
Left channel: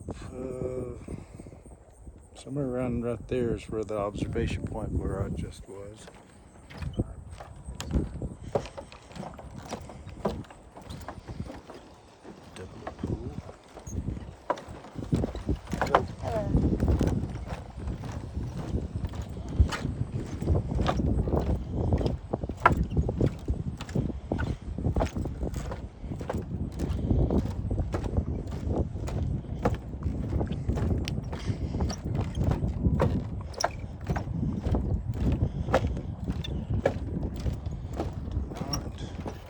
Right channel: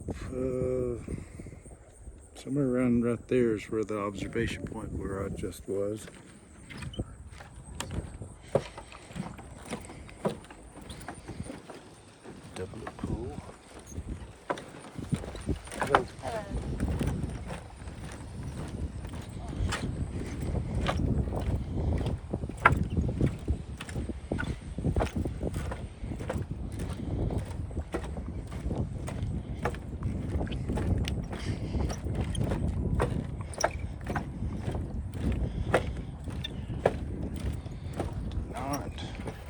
somewhere around right there is where the observation point where I just was. Double pool.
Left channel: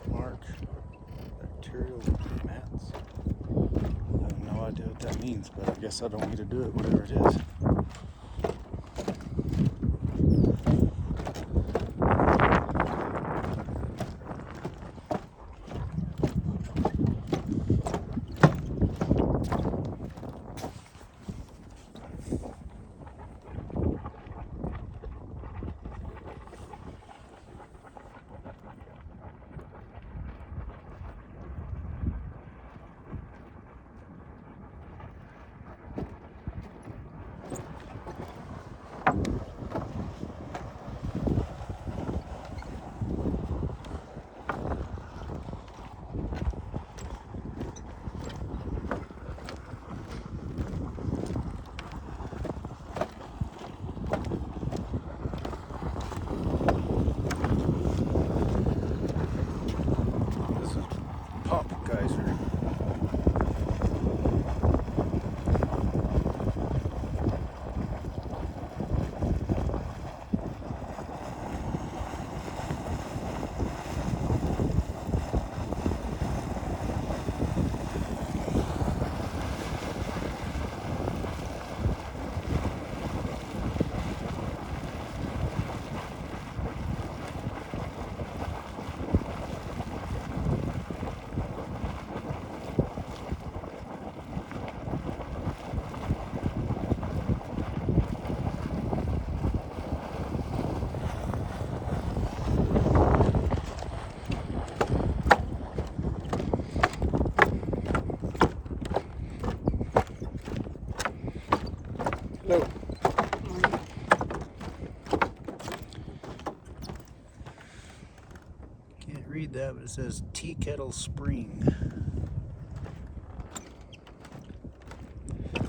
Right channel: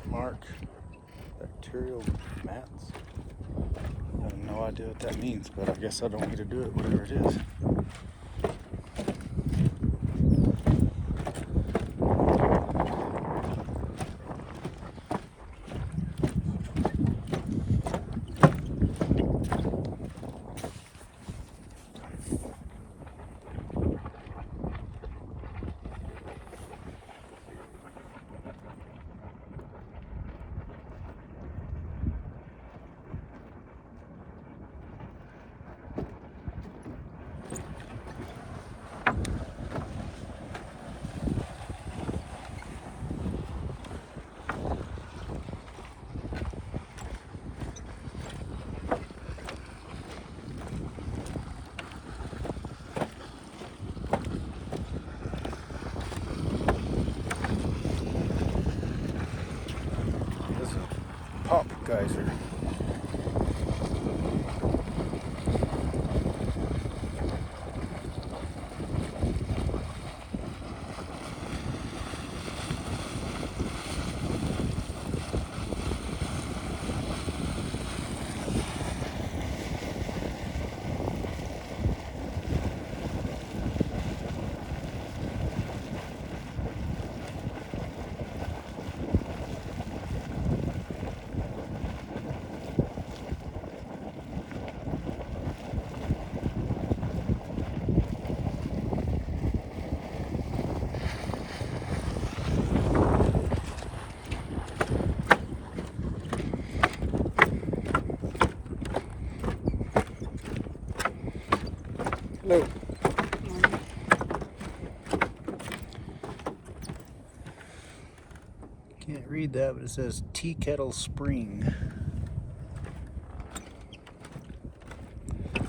Mark bacterial mats. I have no idea what that means, but I guess I don't need to do it, whatever it is. Hello. Can't read that, but it says Tea Kettle Spring. I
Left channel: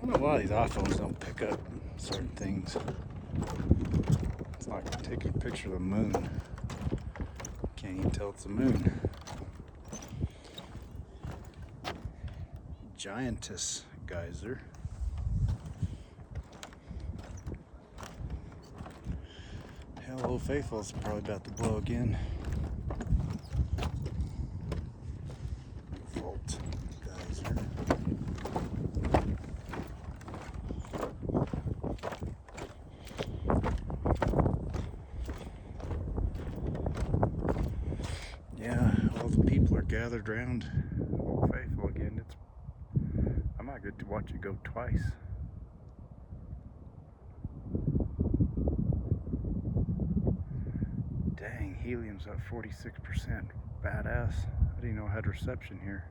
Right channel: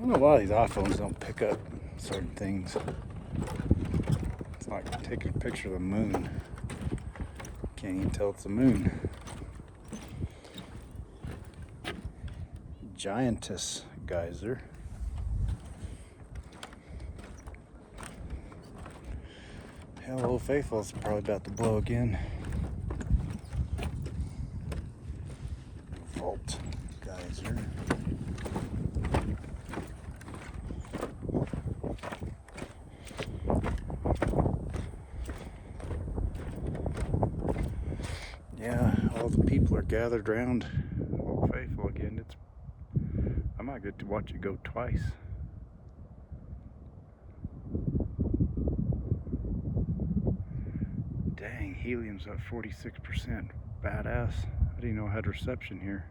don't know why these iPhones don't pick up certain things. It's like taking a picture of the moon. Can't even tell it's the moon. Giantess geyser. Hell, Old Faithful's probably about to blow again. Vault geyser. Yeah, all the people are gathered around Old Faithful again. I might get to watch it go twice. Dang, helium's up 46%. Badass. I didn't know I had reception here.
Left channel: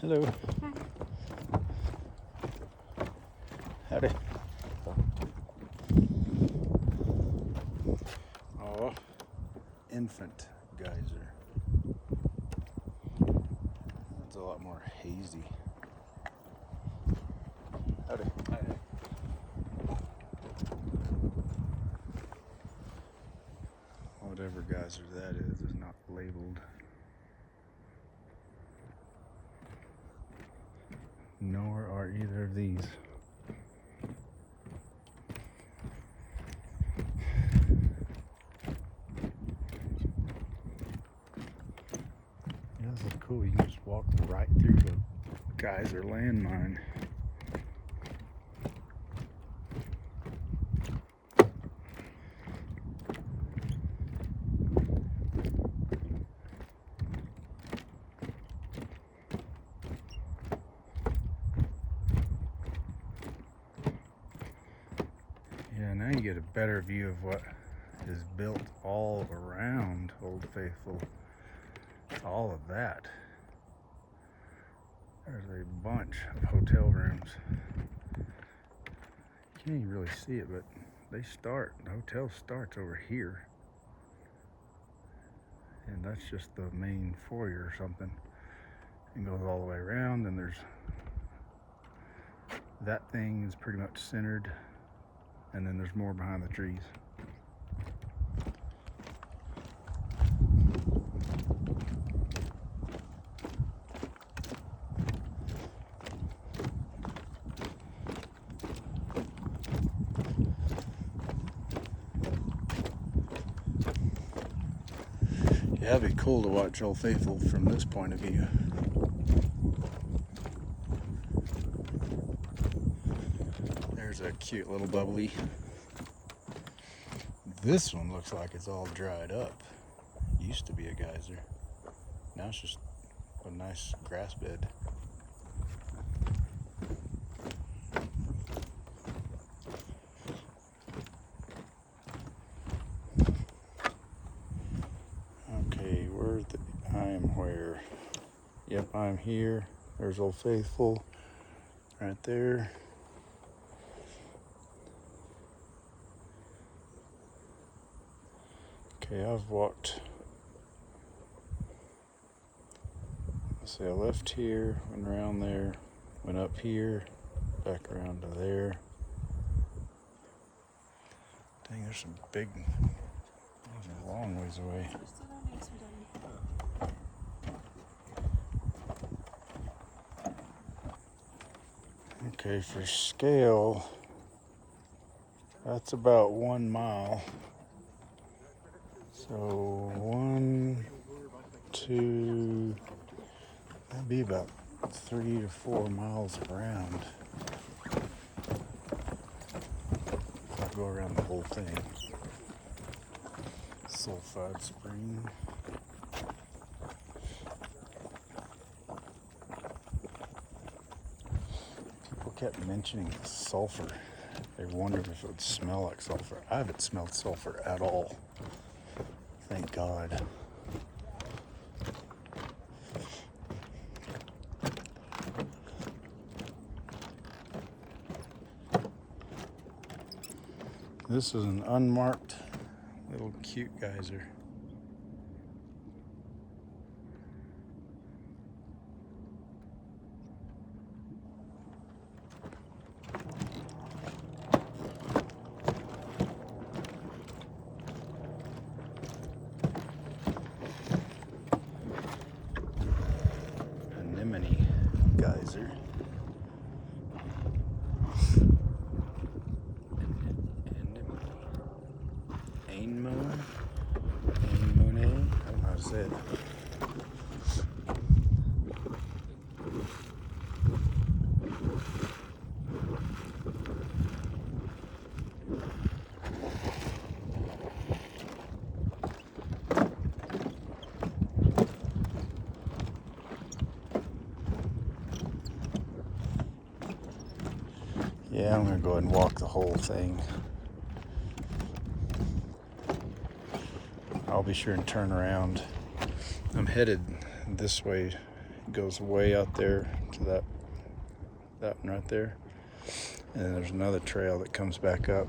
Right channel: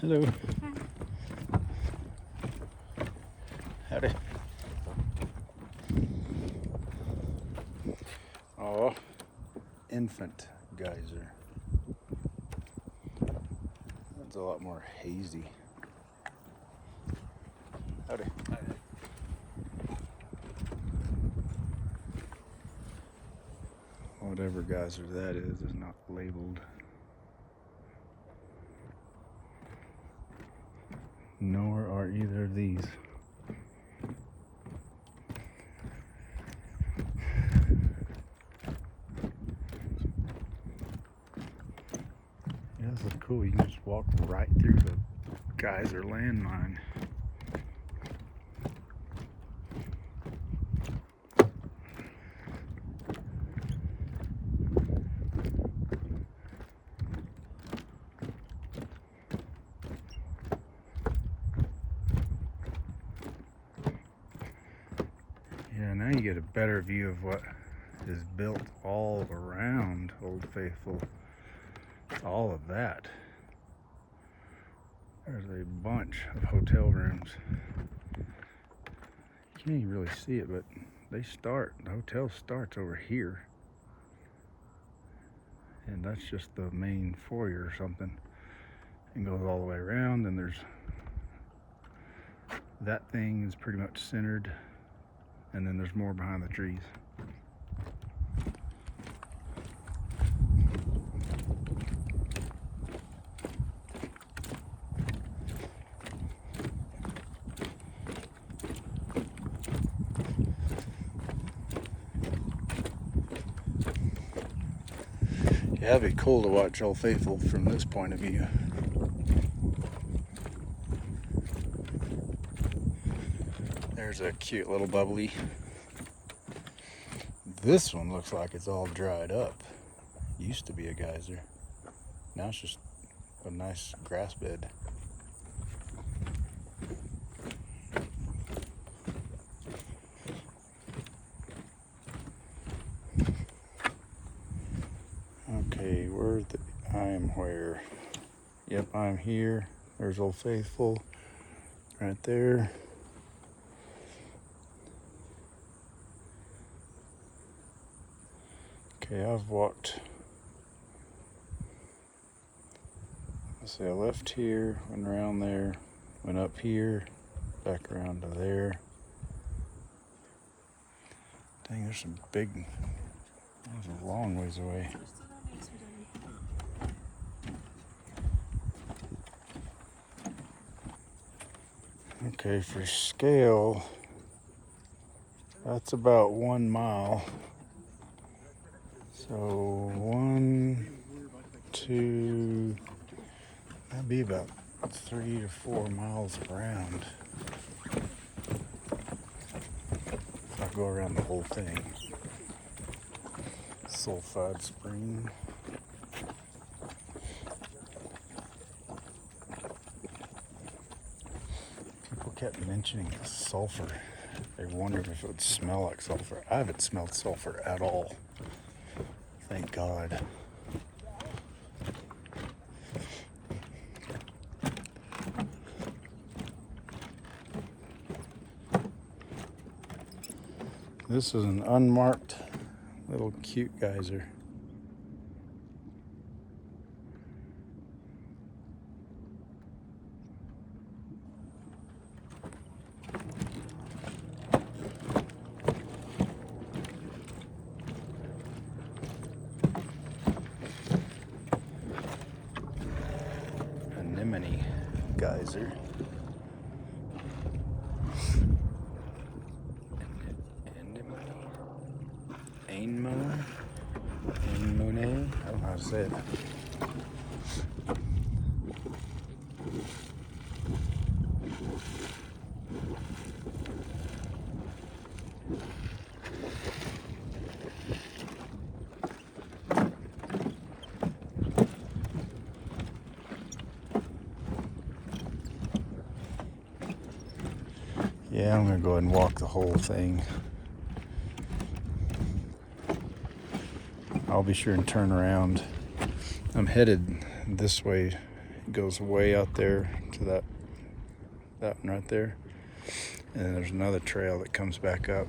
Hello. Howdy. Oh, infant geyser. That's a lot more hazy. Howdy. Whatever geyser that is not labeled. Nor are either of these. Yeah, this is cool. You can just walk right through the geyser landmine. Yeah, now you get a better view of what is built all around Old Faithful. All of that. There's a bunch of hotel rooms. You can't even really see it, but the hotel starts over here. And that's just the main foyer or something. And goes all the way around, and there's that thing is pretty much centered, and then there's more behind the trees. Yeah, it'd be cool to watch Old Faithful from this point of view. There's a cute little bubbly. This one looks like it's all dried up. Used to be a geyser. Now it's just a nice grass bed. Okay, I am where? Yep, I'm here. There's Old Faithful right there. Okay, I've walked. Let's see, I left here, went around there, went up here, back around to there. Dang, there's some big, those are a long ways away. Okay, for scale, that's about 1 mile. So 1, 2, that'd be about 3 to 4 miles around. So I'll go around the whole thing. Sulfide Spring. kept mentioning sulfur. They wondered if it would smell like sulfur. I haven't smelled sulfur at all. Thank God. This is an unmarked little cute geyser. Anemone geyser. Anemone? Anemone? I don't know how to say it. Yeah, I'm gonna go ahead and walk the whole thing. I'll be sure and turn around. I'm headed this way. It goes way out there to that one right there. And then there's another trail that comes back up.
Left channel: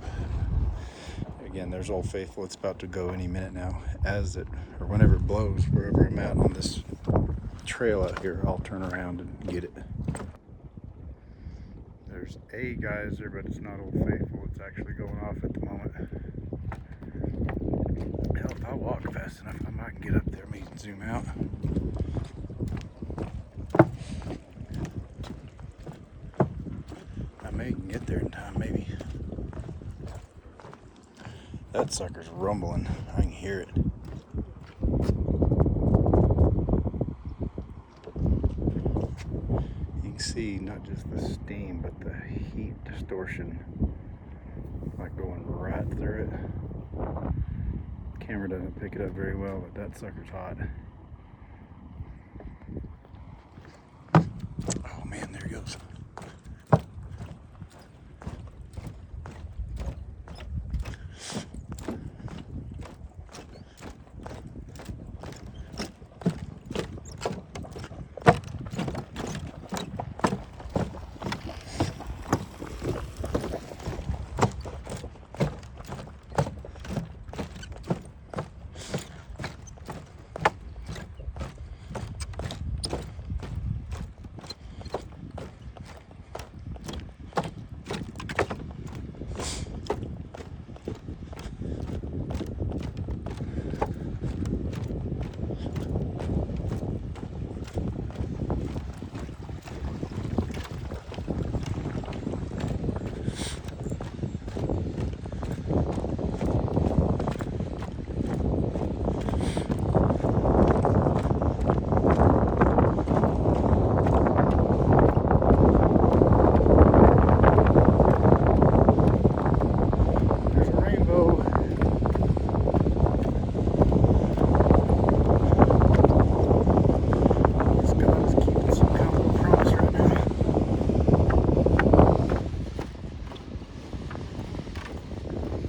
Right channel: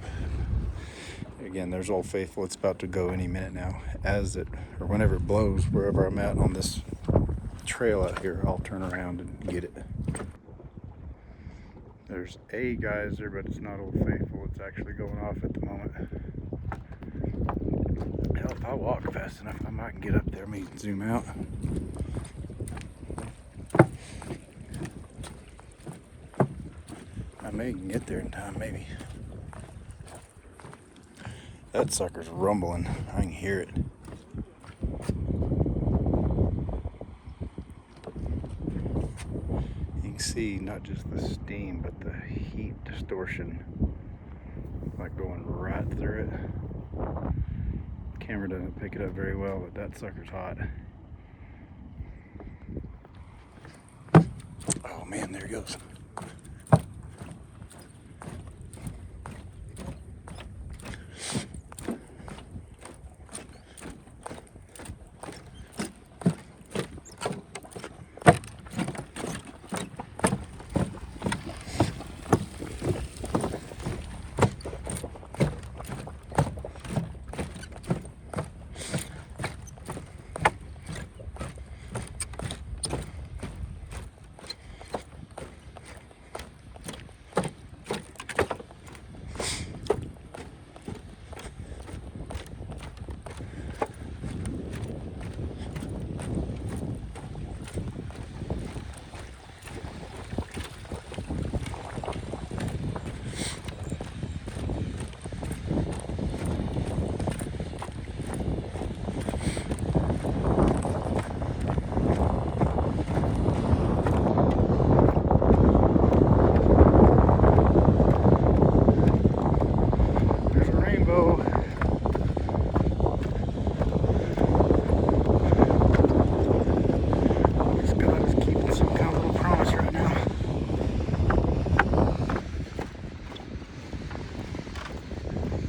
Again, there's Old Faithful. It's about to go any minute now. Or whenever it blows, wherever I'm at on this trail out here, I'll turn around and get it. There's a geyser, but it's not Old Faithful. It's actually going off at the moment. Hell, if I walk fast enough, I might get up there. Let me zoom out. I may get there in time, maybe. That sucker's rumbling. I can hear it. You can see not just the steam, but the heat distortion, like going right through it. Camera doesn't pick it up very well, but that sucker's hot. Oh man, there he goes.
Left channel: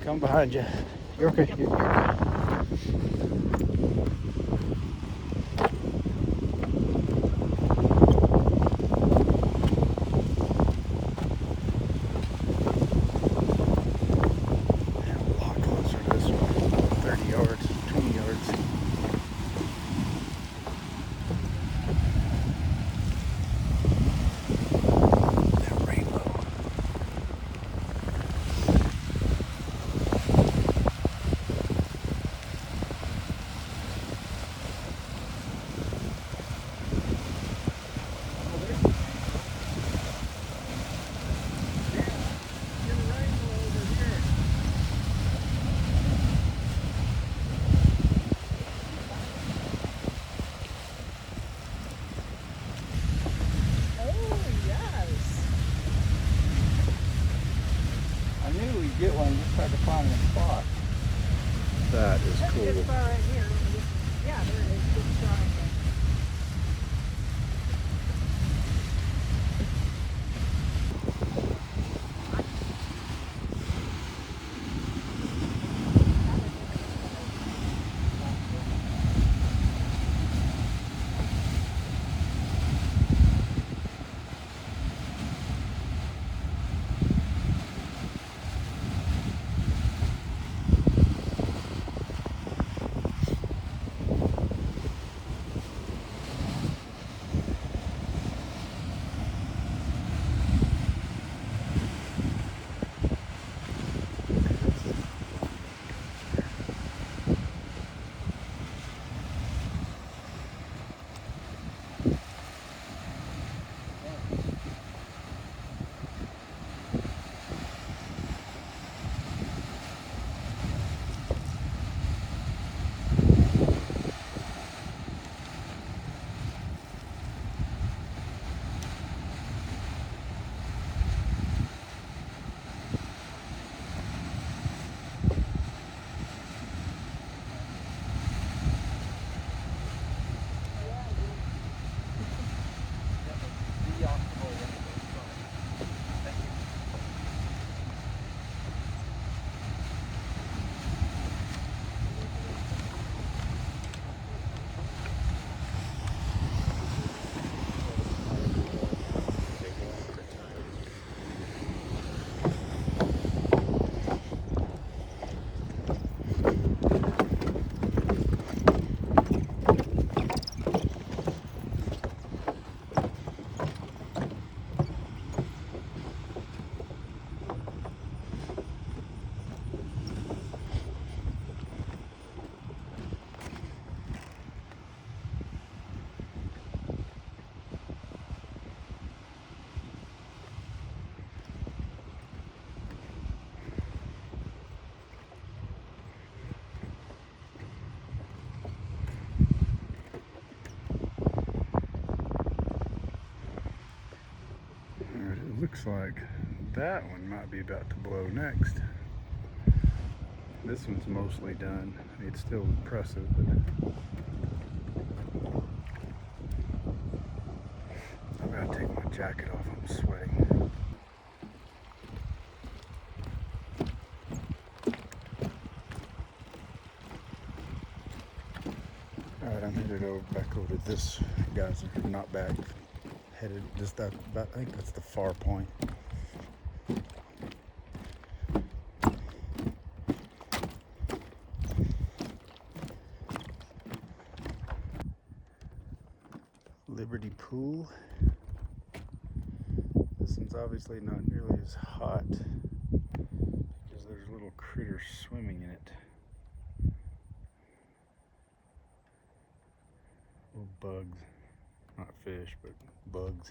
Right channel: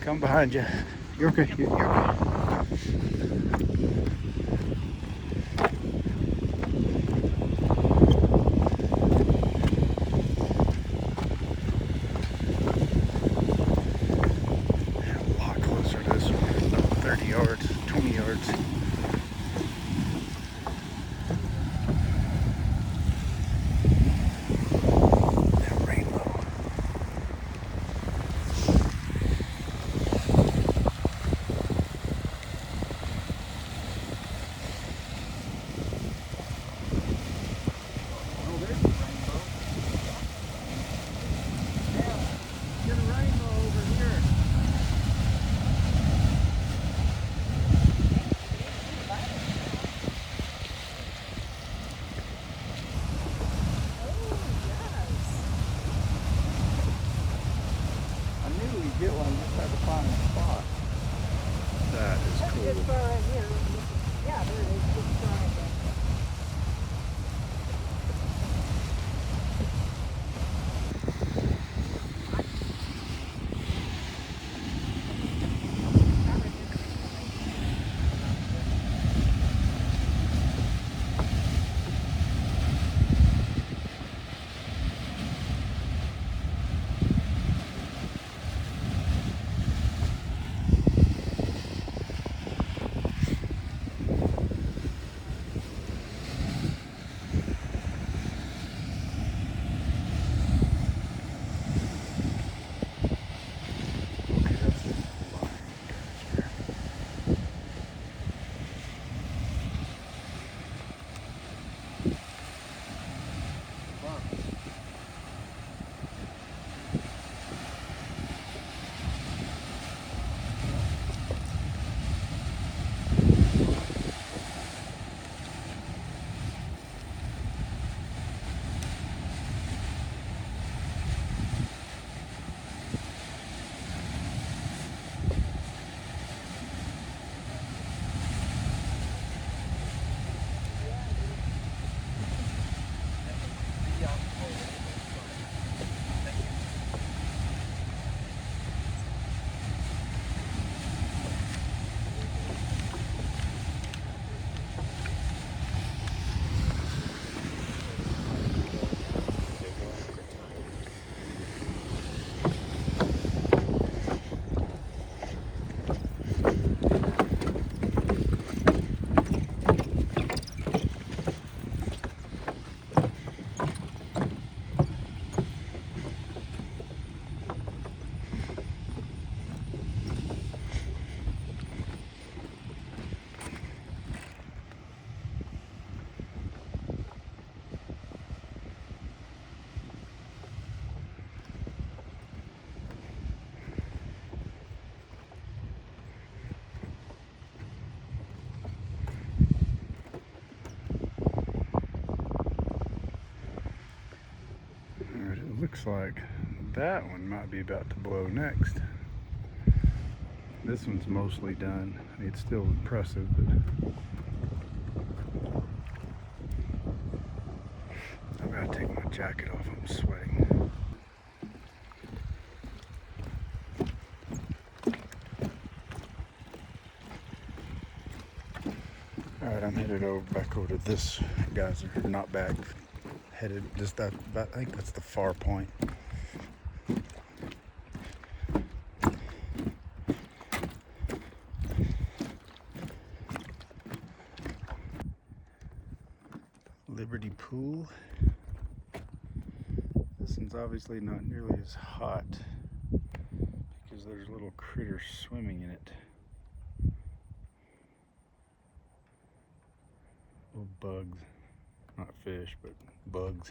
Come behind you. You're okay. You're okay. A lot closer to this one. About 30 yards, 20 yards. That rainbow. That is cool. It's far right here. Yeah, there it is. It's far right here. Looks like that one might be about to blow next. This one's mostly done. It's still impressive, but I've got to take my jacket off. I'm sweating. Alright, I'm headed back over to this geyser. Not back. Headed just that. I think that's the far point. Liberty Pool. This one's obviously not nearly as hot because there's little critters swimming in it. Little bugs. Not fish, but bugs.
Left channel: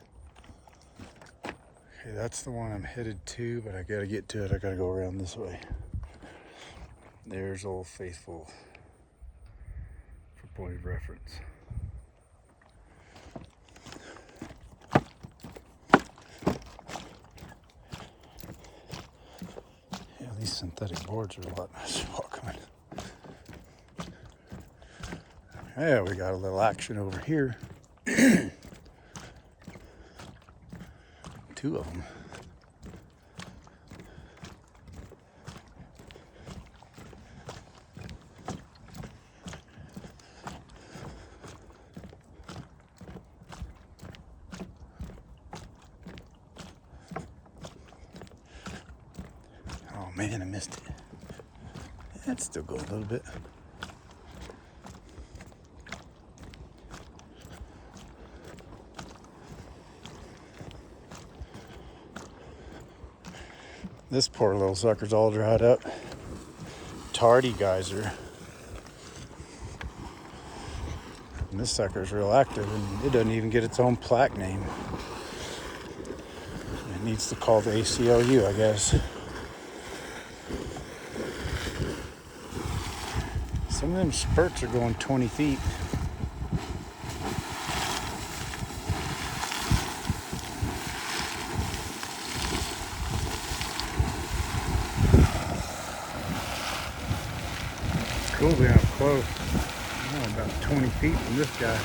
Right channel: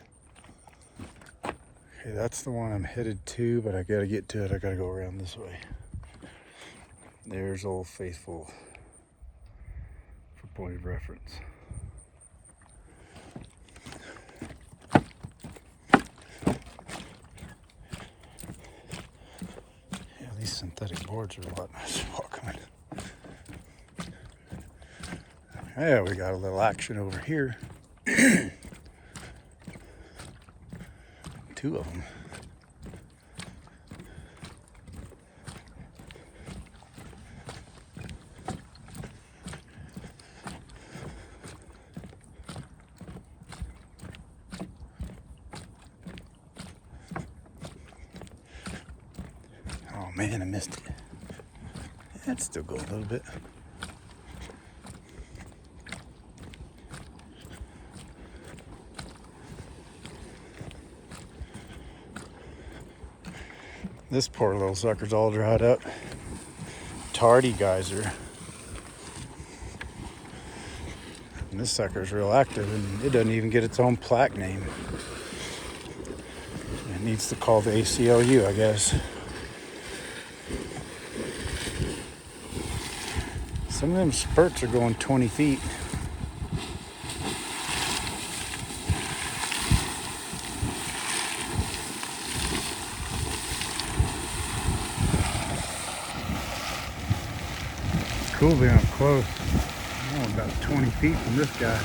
Okay, that's the one I'm headed to, but I gotta get to it. I gotta go around this way. There's Old Faithful for point of reference. Yeah, these synthetic boards are a lot nicer welcoming. Yeah, we got a little action over here. Two of them. Oh man, I missed it. That's still going a little bit. This poor little sucker's all dried up. Tardy geyser. And this sucker's real active and it doesn't even get its own plaque name. It needs to call the ACLU, I guess. Some of them spurts are going 20 feet. Cool being up close. Oh, about 20 feet from this guy.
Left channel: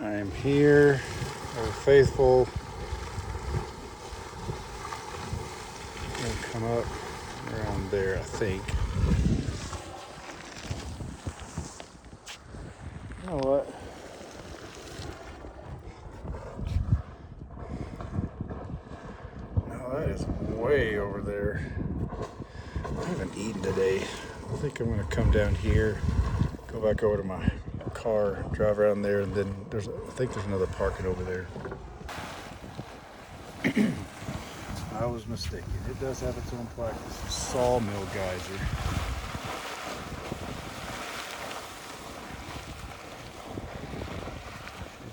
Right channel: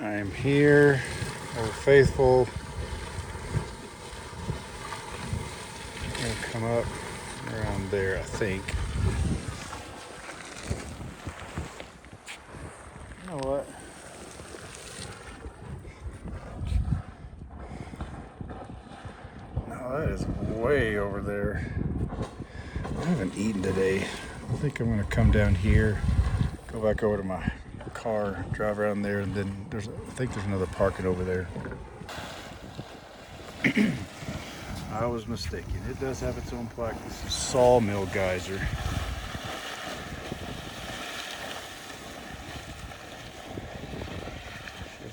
I am here, Old Faithful. I'm gonna come up around there, I think. You know what? No, that is way over there. I haven't eaten today. I think I'm gonna come down here, go back over to my car, drive around there, and then I think there's another parking over there. I was mistaken. It does have its own plaque. This is Sawmill Geyser.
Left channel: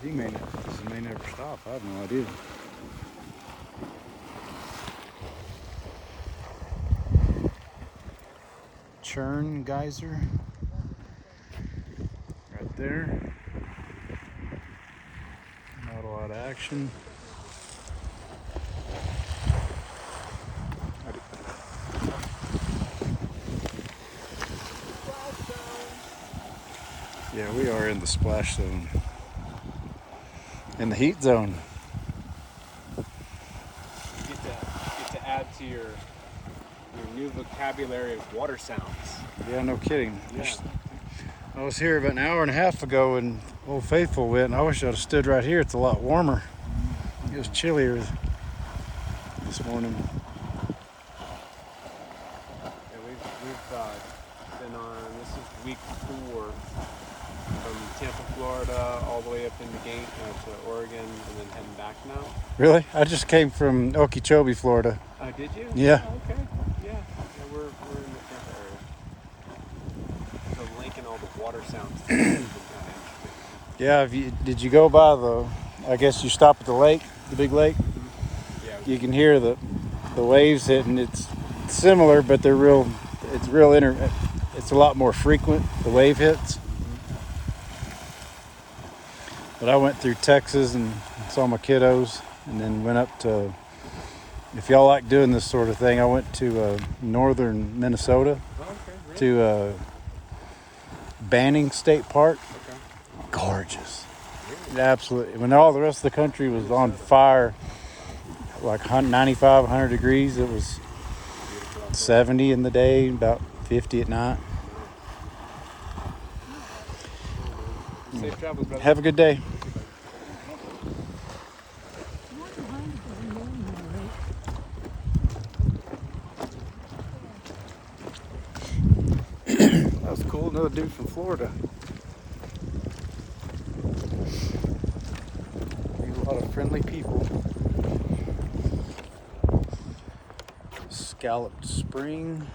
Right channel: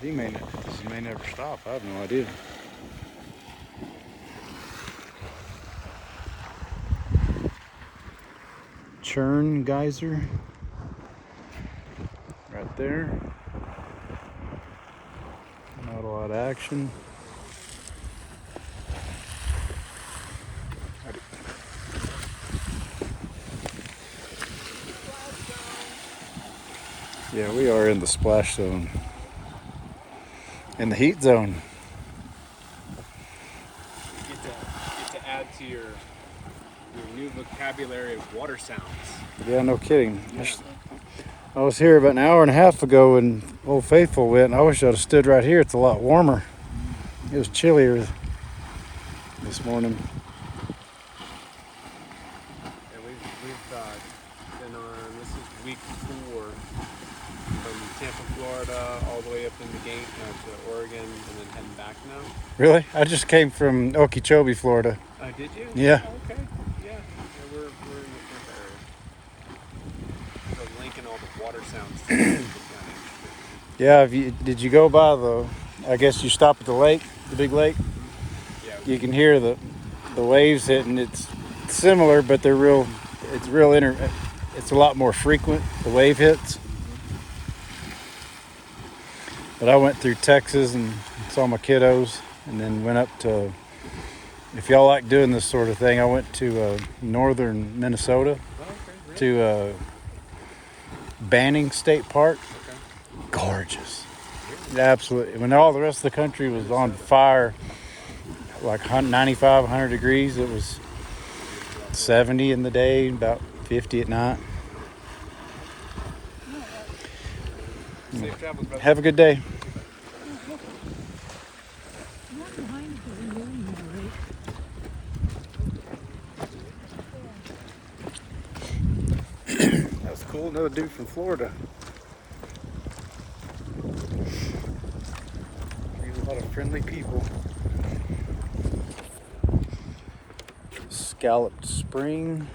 This may never stop. I have no idea. Churn Geyser. Right there. Not a lot of action. Yeah, we are in the splash zone. In the heat zone. You get to add to your new vocabulary of water sounds. Yeah, no kidding. I was here about an hour and a half ago when Old Faithful went, and I wish I'd have stood right here. It's a lot warmer. It was chillier this morning. Yeah, we've been on, this is week 4 from Tampa, Florida, all the way up into to Oregon, and then heading back now. Really? I just came from Okeechobee, Florida. Oh, did you? Yeah. Oh, okay. Yeah. We're in the Tampa area. We're linking all the water sounds together. Yeah. Did you go by I guess you stop at the lake, the big lake? Yeah. You can hear the waves hitting. It's similar, but they're real. It's it's a lot more frequent. The wave hits. But I went through Texas and saw my kiddos, and then went up to. If y'all like doing this sort of thing, I went to northern Minnesota to Banning State Park. Gorgeous, absolutely. When all the rest of the country was on fire, like 95, 100 degrees, it was 70 in the day, about 50 at night. Safe travels, brother. Have a good day. Not behind the moon, right? That was cool. Another dude from Florida. A lot of friendly people. Scalloped Spring.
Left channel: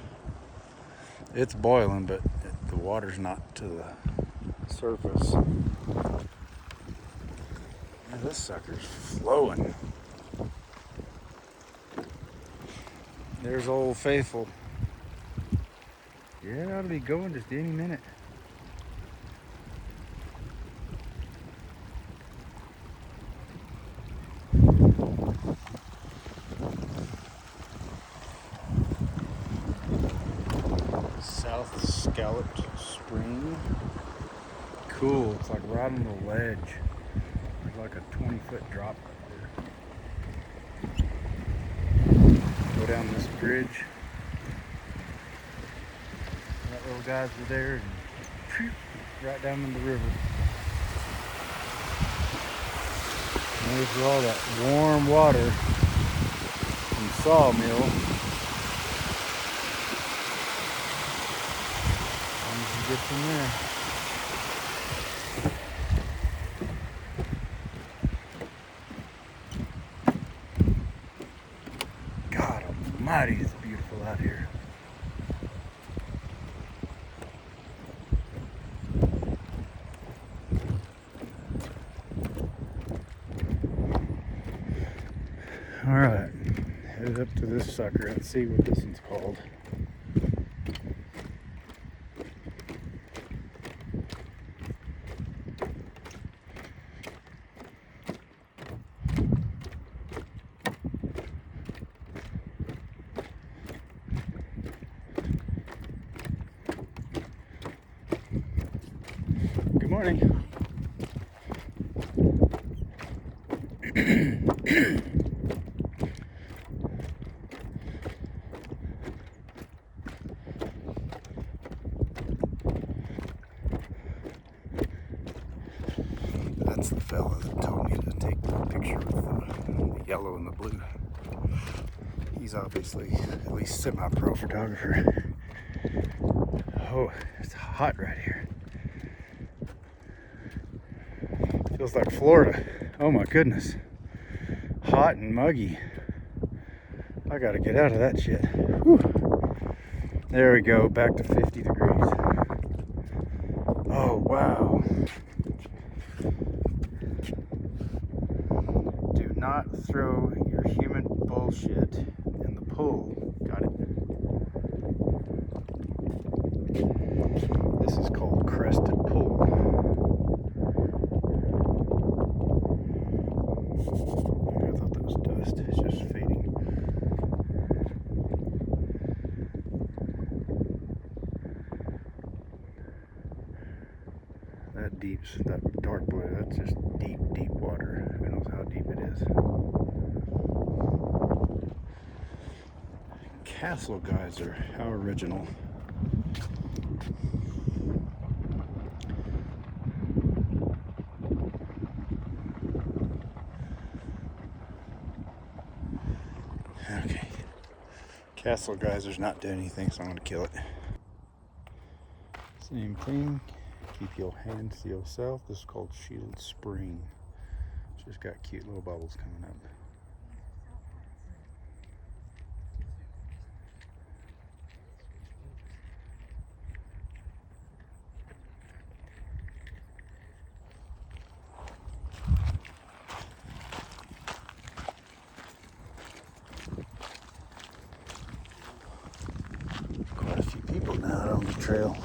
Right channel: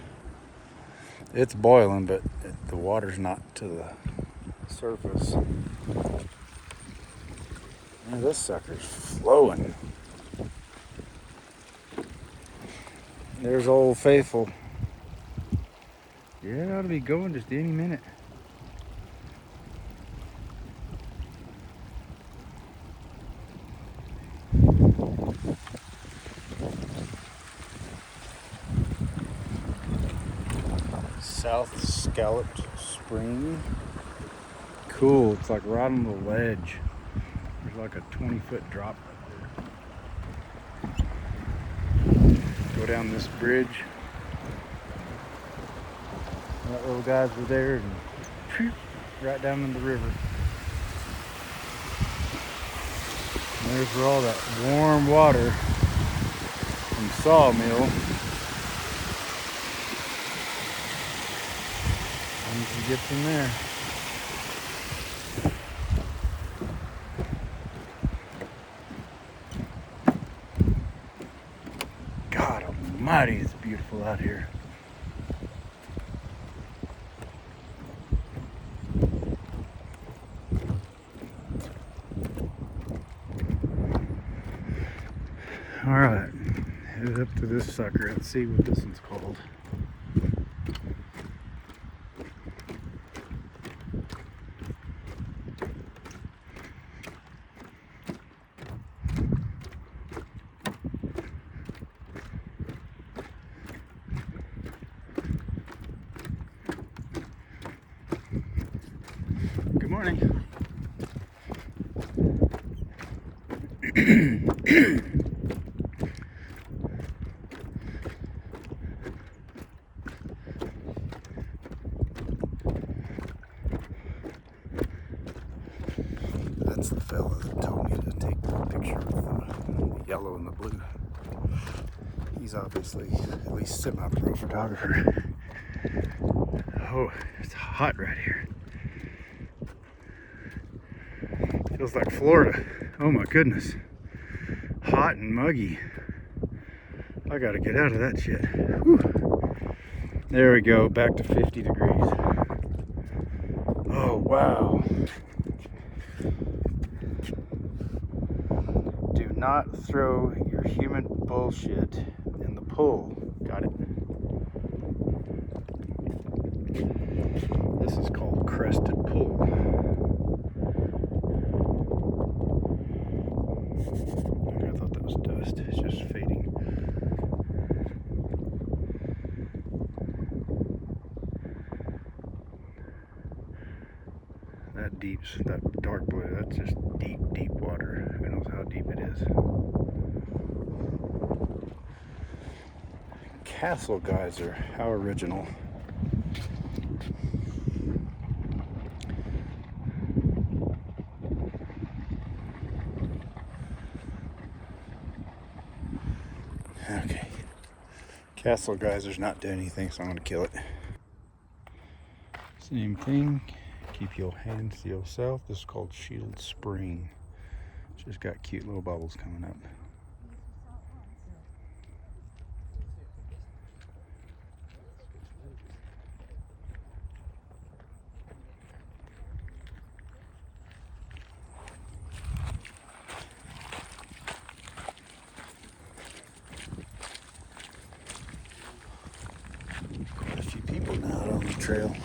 It's boiling, but the water's not to the surface. Man, this sucker's flowing. There's Old Faithful. Yeah, it ought to be going just any minute. South Scalloped Spring. Cool, it's like right on the ledge. There's like a 20-foot drop right there. Go down this bridge. That little guys were there, and phew, right down in the river. And there's where all that warm water from the sawmill. And you can get from there. God almighty, it's beautiful out here. All right, headed up to this sucker and see what this one's called. Good morning. That's the fella that told me to take the picture with the yellow and the blue. He's obviously at least semi-pro photographer. Oh, it's hot right here. Feels like Florida. Oh my goodness. Hot and muggy. I gotta get out of that shit. Whew. There we go, back to 50 degrees. Oh wow. Do not throw your human bullshit in the pool. Got it? This is called Crested Pool. I thought that was dust. It's just fading. That dark blue, that's just deep, deep water. Who knows how deep it is. Castle geyser, how original. Okay. Castle geyser's not doing anything, so I'm gonna kill it. Same thing. Keep your hands to yourself. This is called Shield Spring. Just got cute little bubbles coming up. Quite a few people now out on the trail.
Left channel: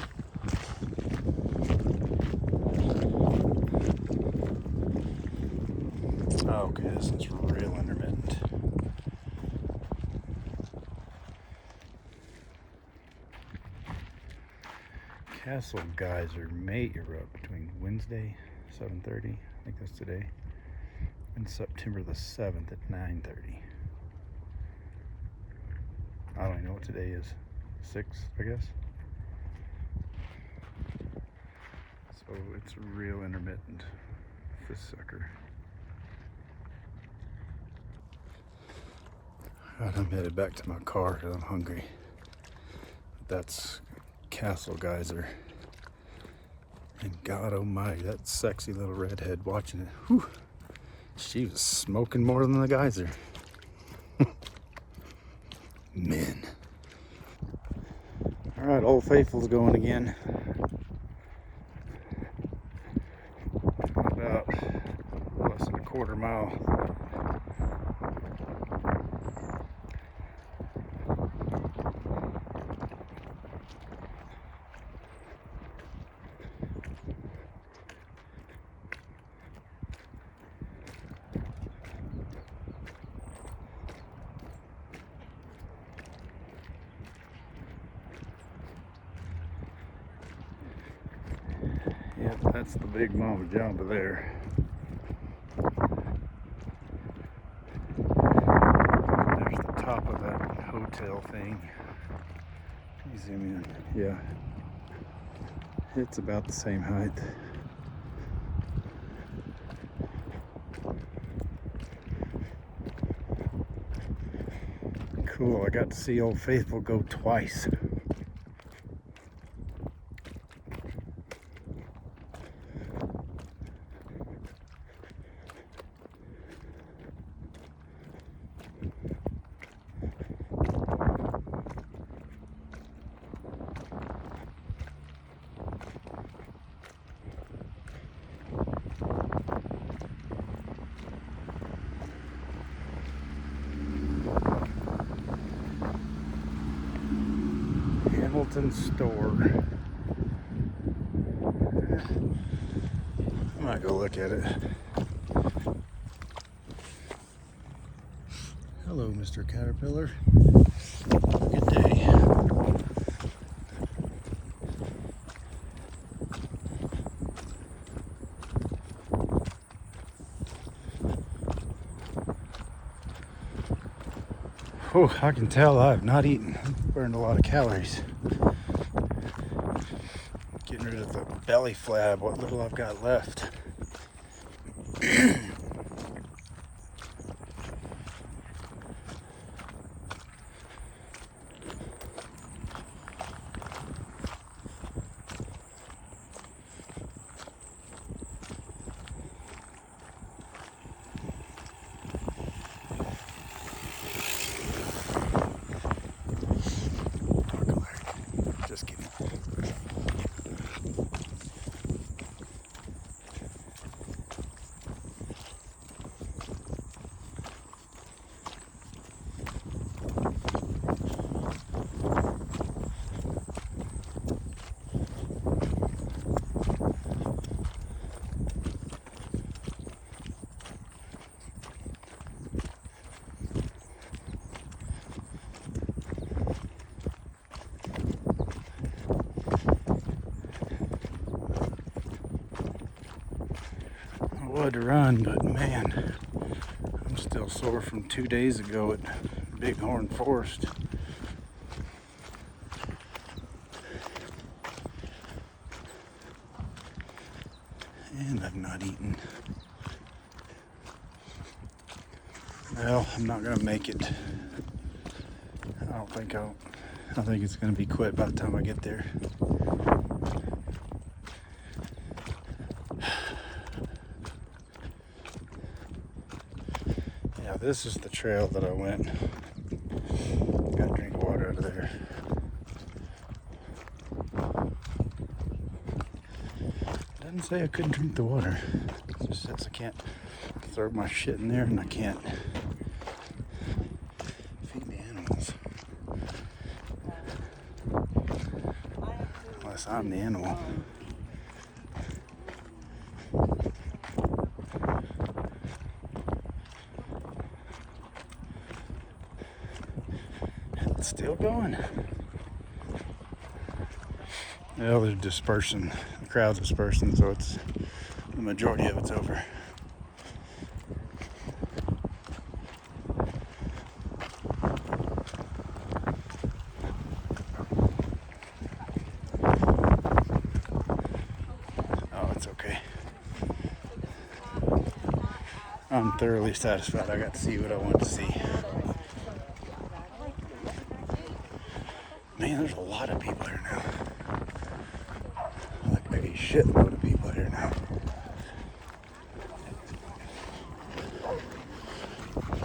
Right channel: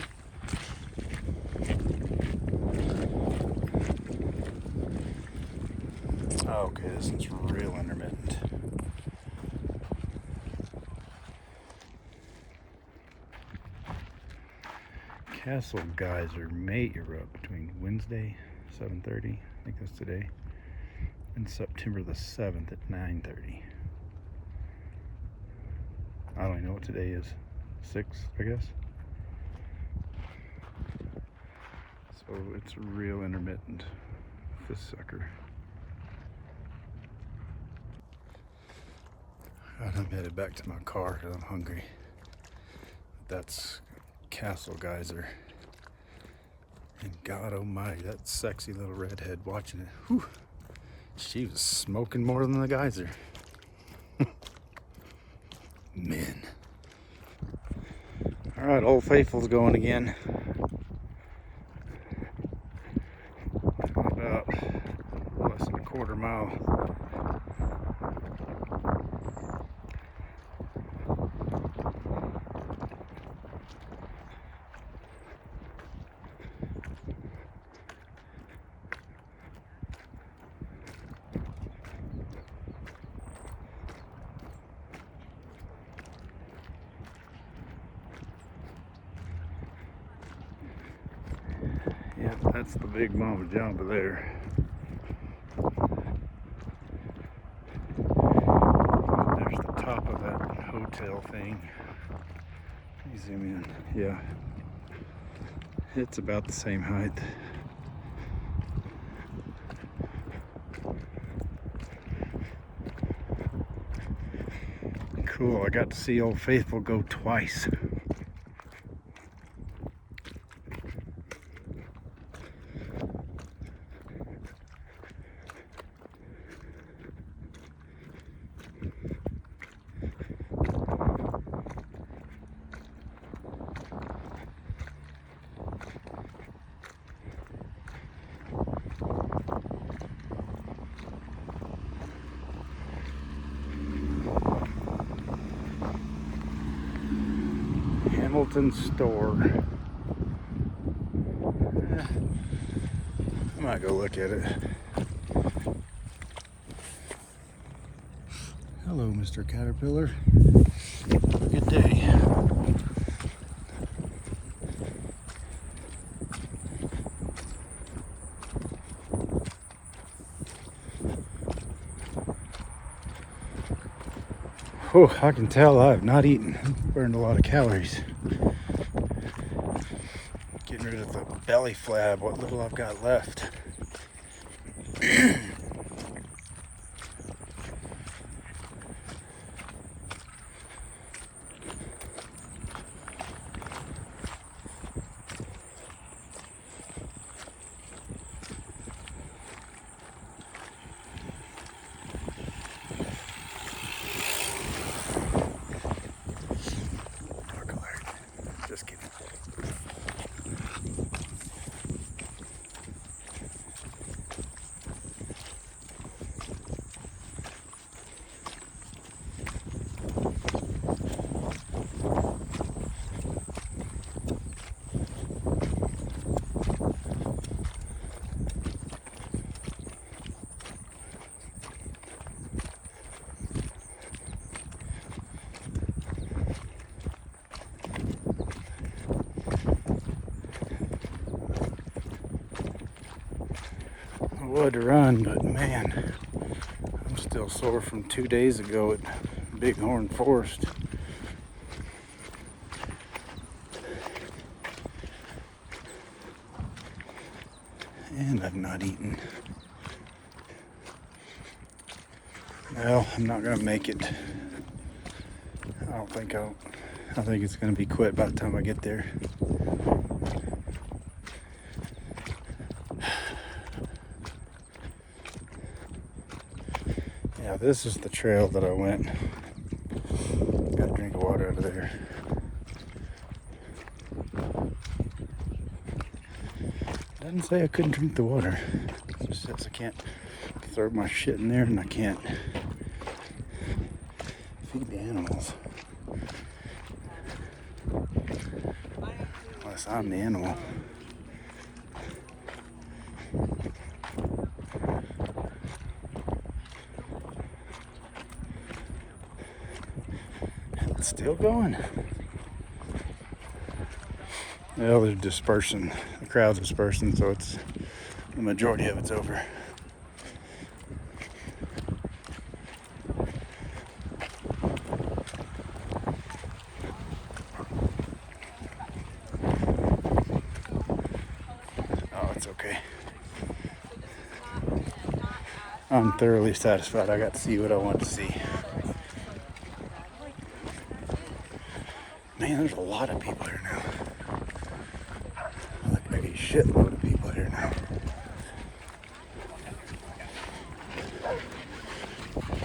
Okay, this is real intermittent. Castle geyser may erupt between Wednesday, 7:30, I think that's today, and September the 7th at 9:30. I don't even know what today is. 6, I guess. So it's real intermittent, this sucker. Alright, I'm headed back to my car because I'm hungry. That's Castle geyser. And God almighty, that sexy little redhead watching it. Whew, she was smoking more than the geyser. Men. Alright, Old Faithful's going again. About less than a quarter mile. Yep, that's the big mama jamba there. There's the top of that hotel thing. Let me zoom in. Yeah. It's about the same height. Cool, I got to see Old Faithful go twice. Hamilton store. I might go look at it. Hello, Mr. Caterpillar. Have a good day. Oh, I can tell I have not eaten. Burned a lot of calories. Getting rid of the belly flab, what little I've got left. Just kidding. I would run, but man, I'm still sore from 2 days ago at Bighorn Forest. And I've not eaten. Well, I'm not gonna make it I think it's gonna be quit by the time I get there. Yeah, this is the trail that I went. Gotta drink water out of there. Doesn't say I couldn't drink the water. It just says I can't throw my shit in there and I can't feed the animals. Unless I'm the animal. It's still going. Well, they're dispersing. The crowd's dispersing, so it's the majority of it's over. Oh, it's okay. I'm thoroughly satisfied. I got to see what I wanted to see. Man, there's a lot of people here now. Like a shitload of people here now.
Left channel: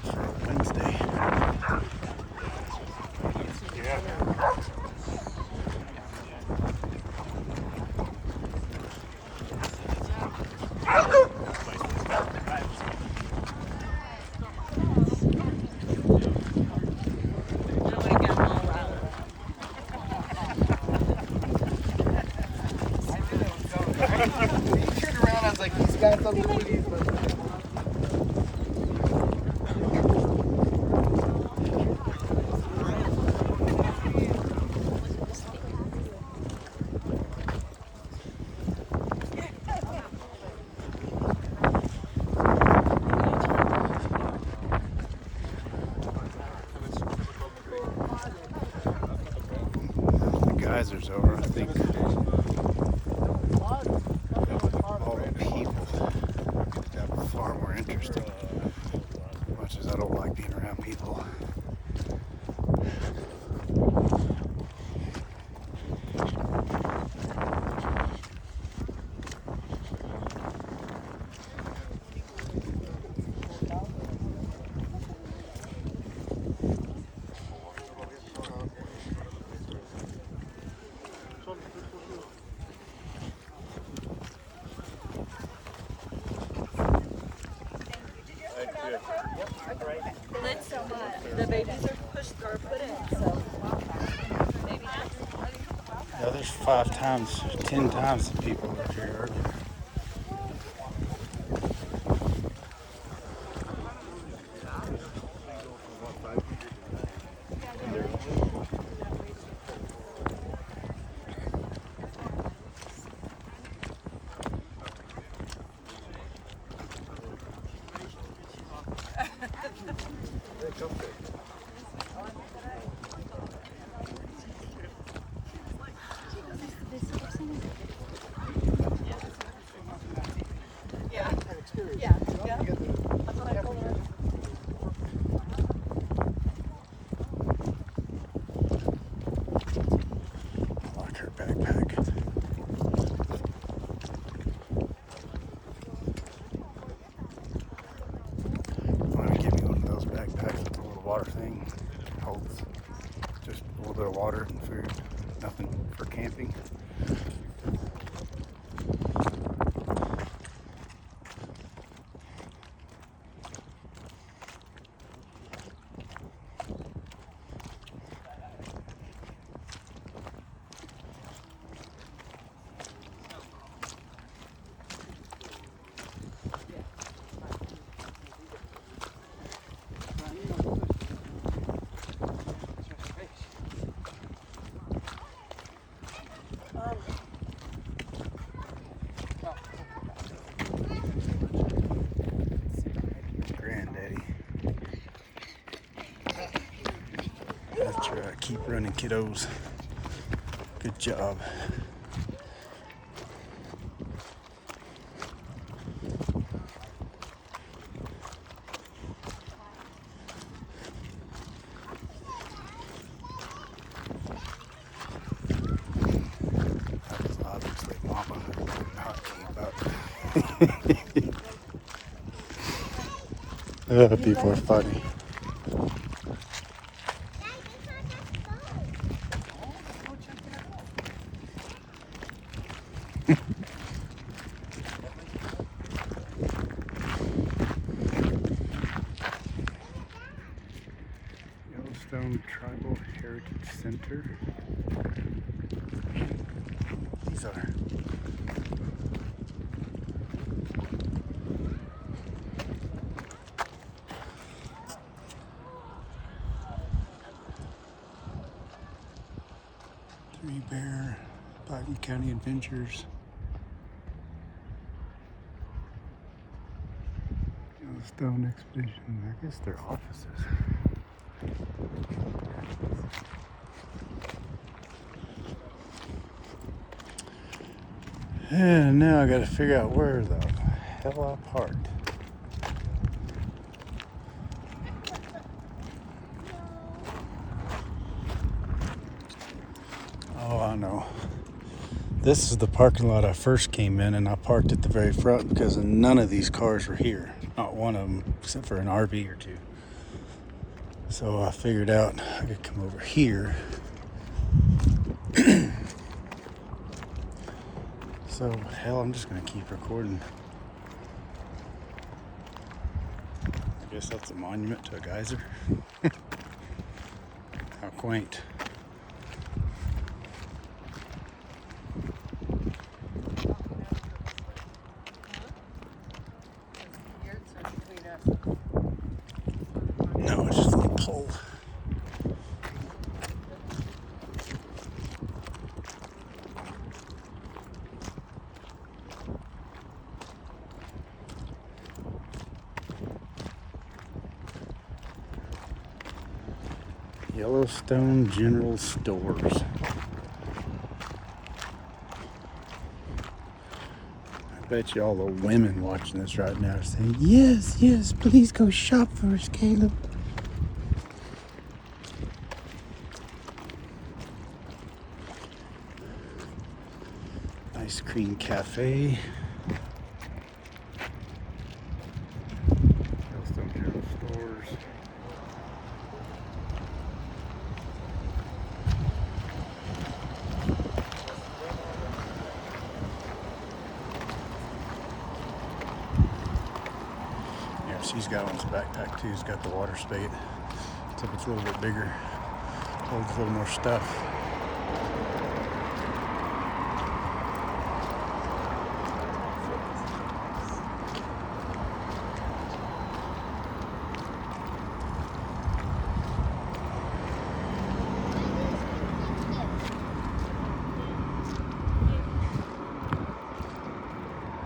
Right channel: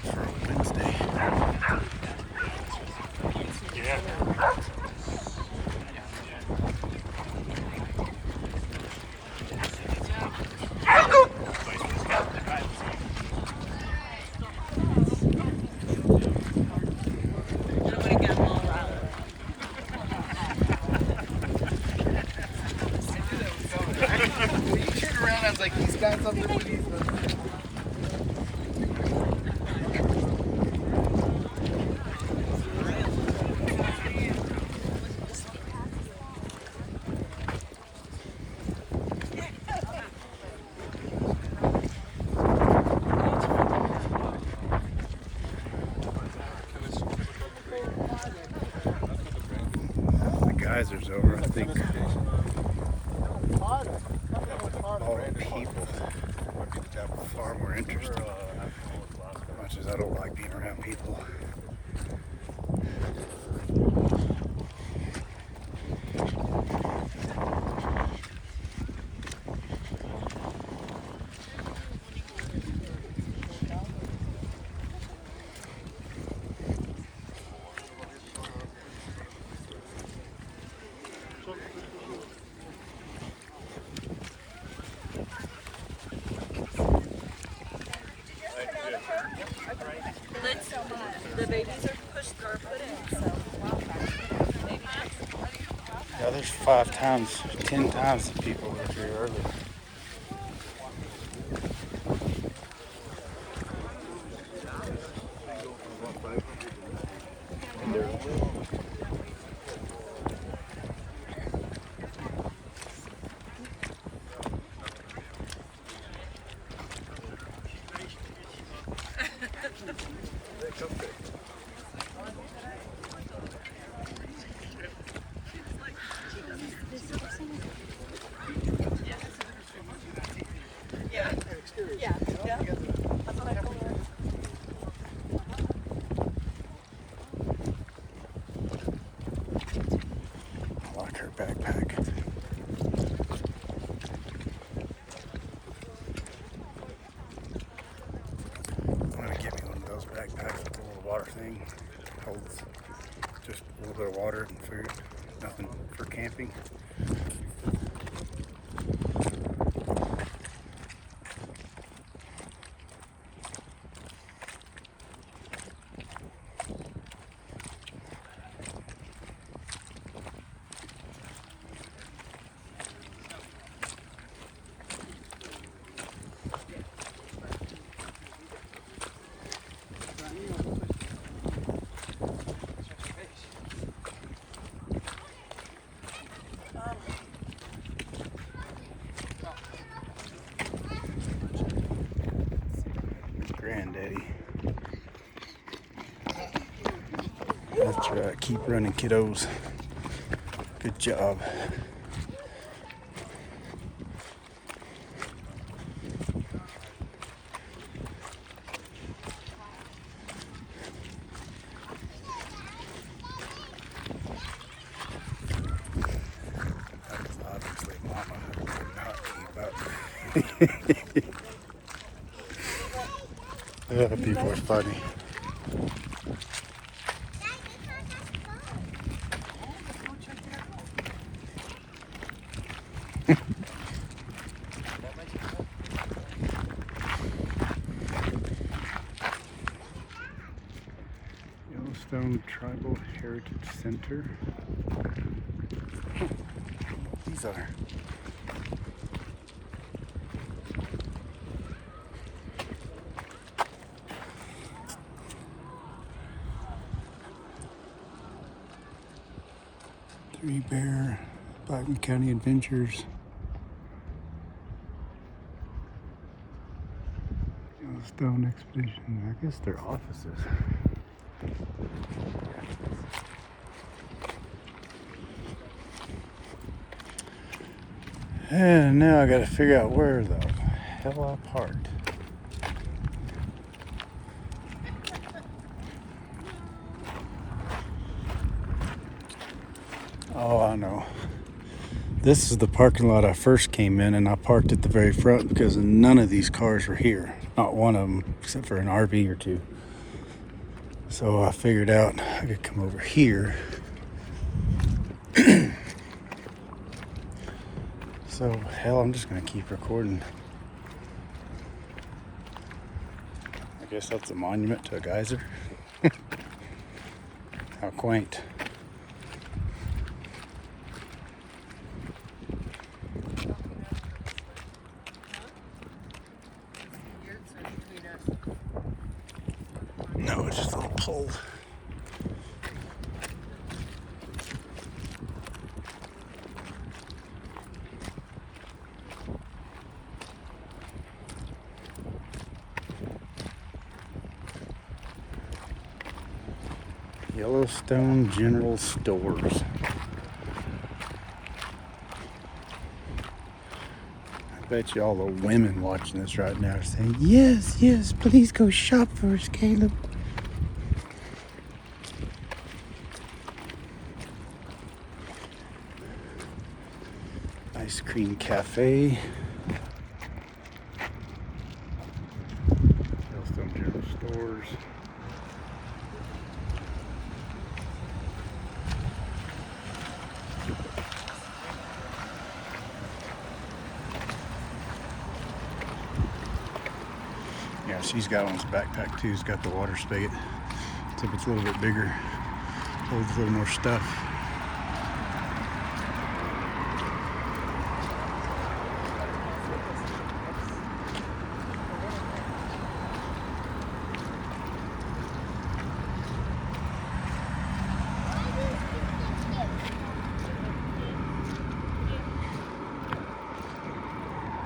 For a Wednesday. Yeah. Geysers over, I think all the people got far more interested. As much as I don't like being around people. The babies are pushed or put in, so. Yeah, there's 5 times, 10 times the people up here earlier. I like her backpack. I want to give you one of those backpacks with a little water thing. Holds just a little bit of water and food. Nothing for camping. Granddaddy. That's right, keep running, kiddos. Good job. Yeah, people are funny. Yellowstone Tribal Heritage Center. These are. Three Bear, Biden County Adventures. Yellowstone Expedition. I guess they're offices. And now I gotta figure out where the hell I parked. Oh, I know. This is the parking lot I first came in, and I parked at the very front because none of these cars were here. Not one of them, except for an RV or two. So I figured out I could come over here. So, hell, I'm just gonna keep recording. I guess that's a monument to a geyser. How quaint. No, it's just a little pole. Yellowstone General Stores. I bet you all the women watching this right now are saying, yes, yes, please go shop for us, Caleb. Ice cream cafe. Yellowstone General Stores. Yeah, she's got on his backpack too. He's got the water spade. Except it's a little bit bigger. Holds a little more stuff.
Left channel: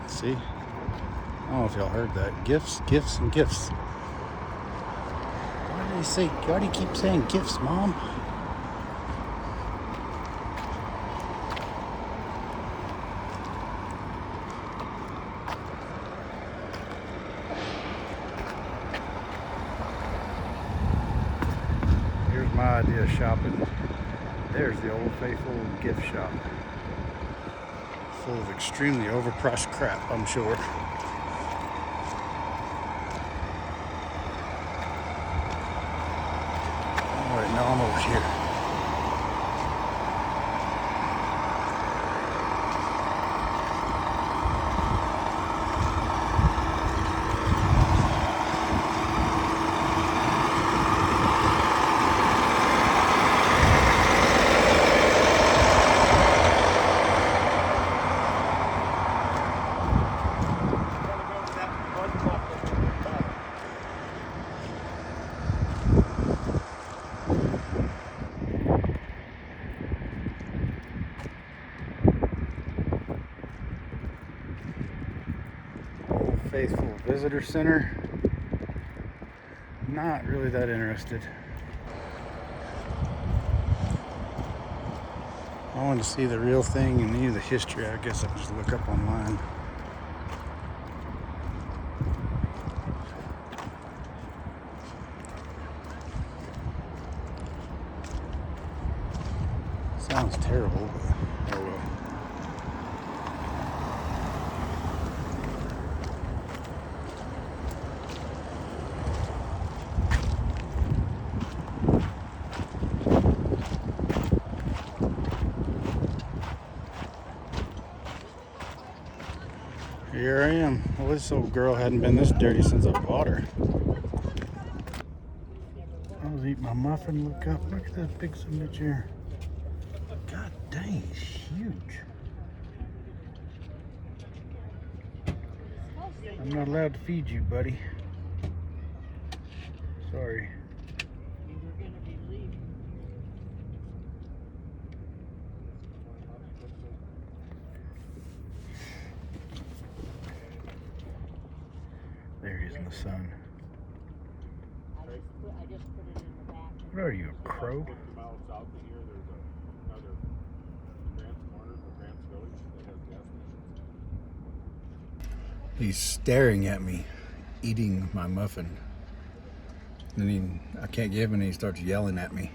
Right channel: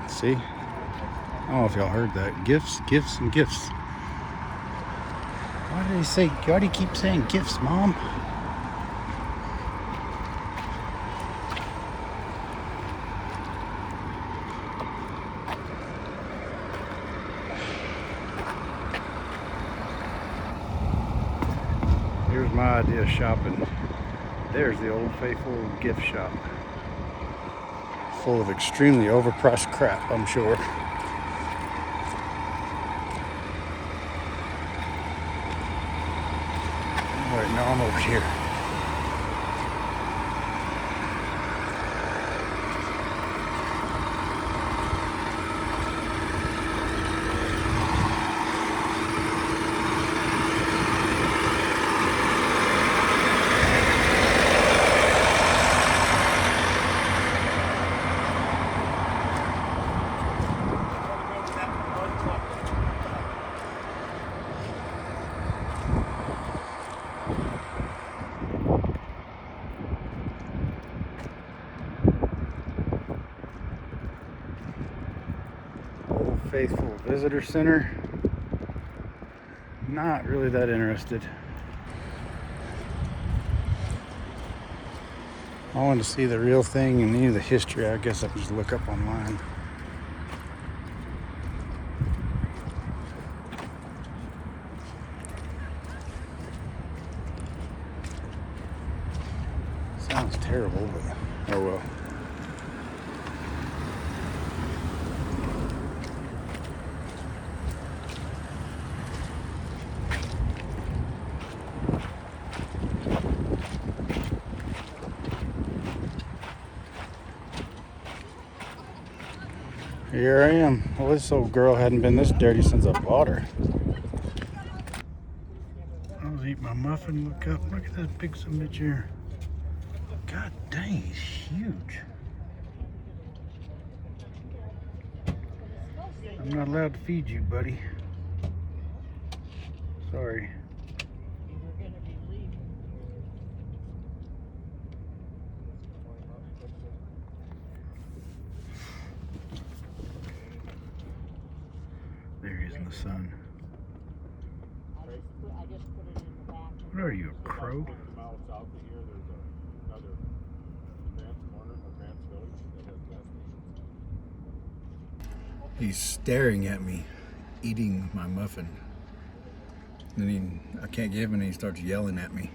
See? I don't know if y'all heard that. Gifts, gifts, and gifts. Why do you keep saying gifts, Mom? Here's my idea of shopping. There's the Old Faithful gift shop. Full of extremely overpriced crap, I'm sure. Alright, now I'm over here. Old Faithful Visitor Center. Not really that interested. I want to see the real thing and any of the history. I guess I can just look up online. Sounds terrible, but oh well. Here I am. Well, this old girl hadn't been this dirty since I bought her. I was eating my muffin. Look up. Look at that big son of a bitch. God dang, he's huge. I'm not allowed to feed you, buddy. Sorry. There he is in the sun. What are you, a crow? He's staring at me, eating my muffin. And then I can't give him, and he starts yelling at me.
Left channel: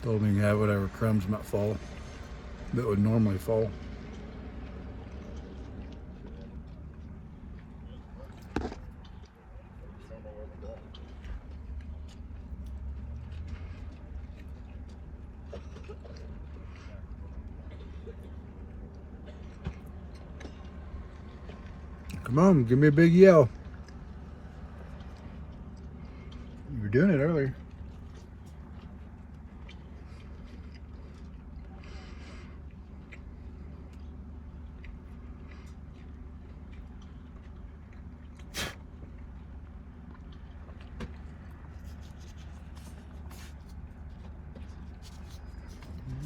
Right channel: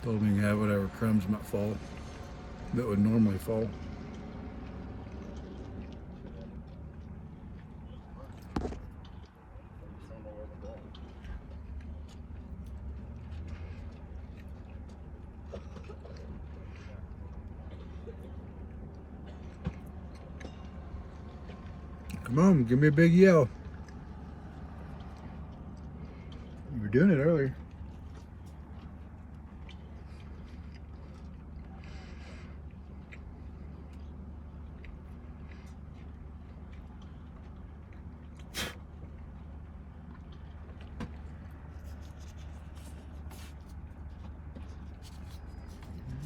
Told me to have whatever crumbs might fall that would normally fall. Come on, give me a big yell. You were doing it earlier.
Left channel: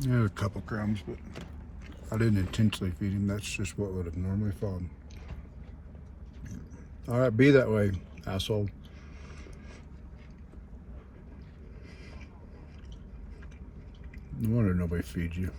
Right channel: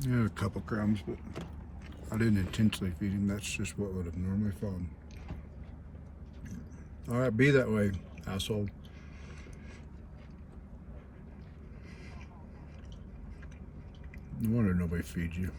Yeah, a couple crumbs, but I didn't intentionally feed him. That's just what would have normally fallen. All right, be that way, asshole. No wonder nobody feeds you.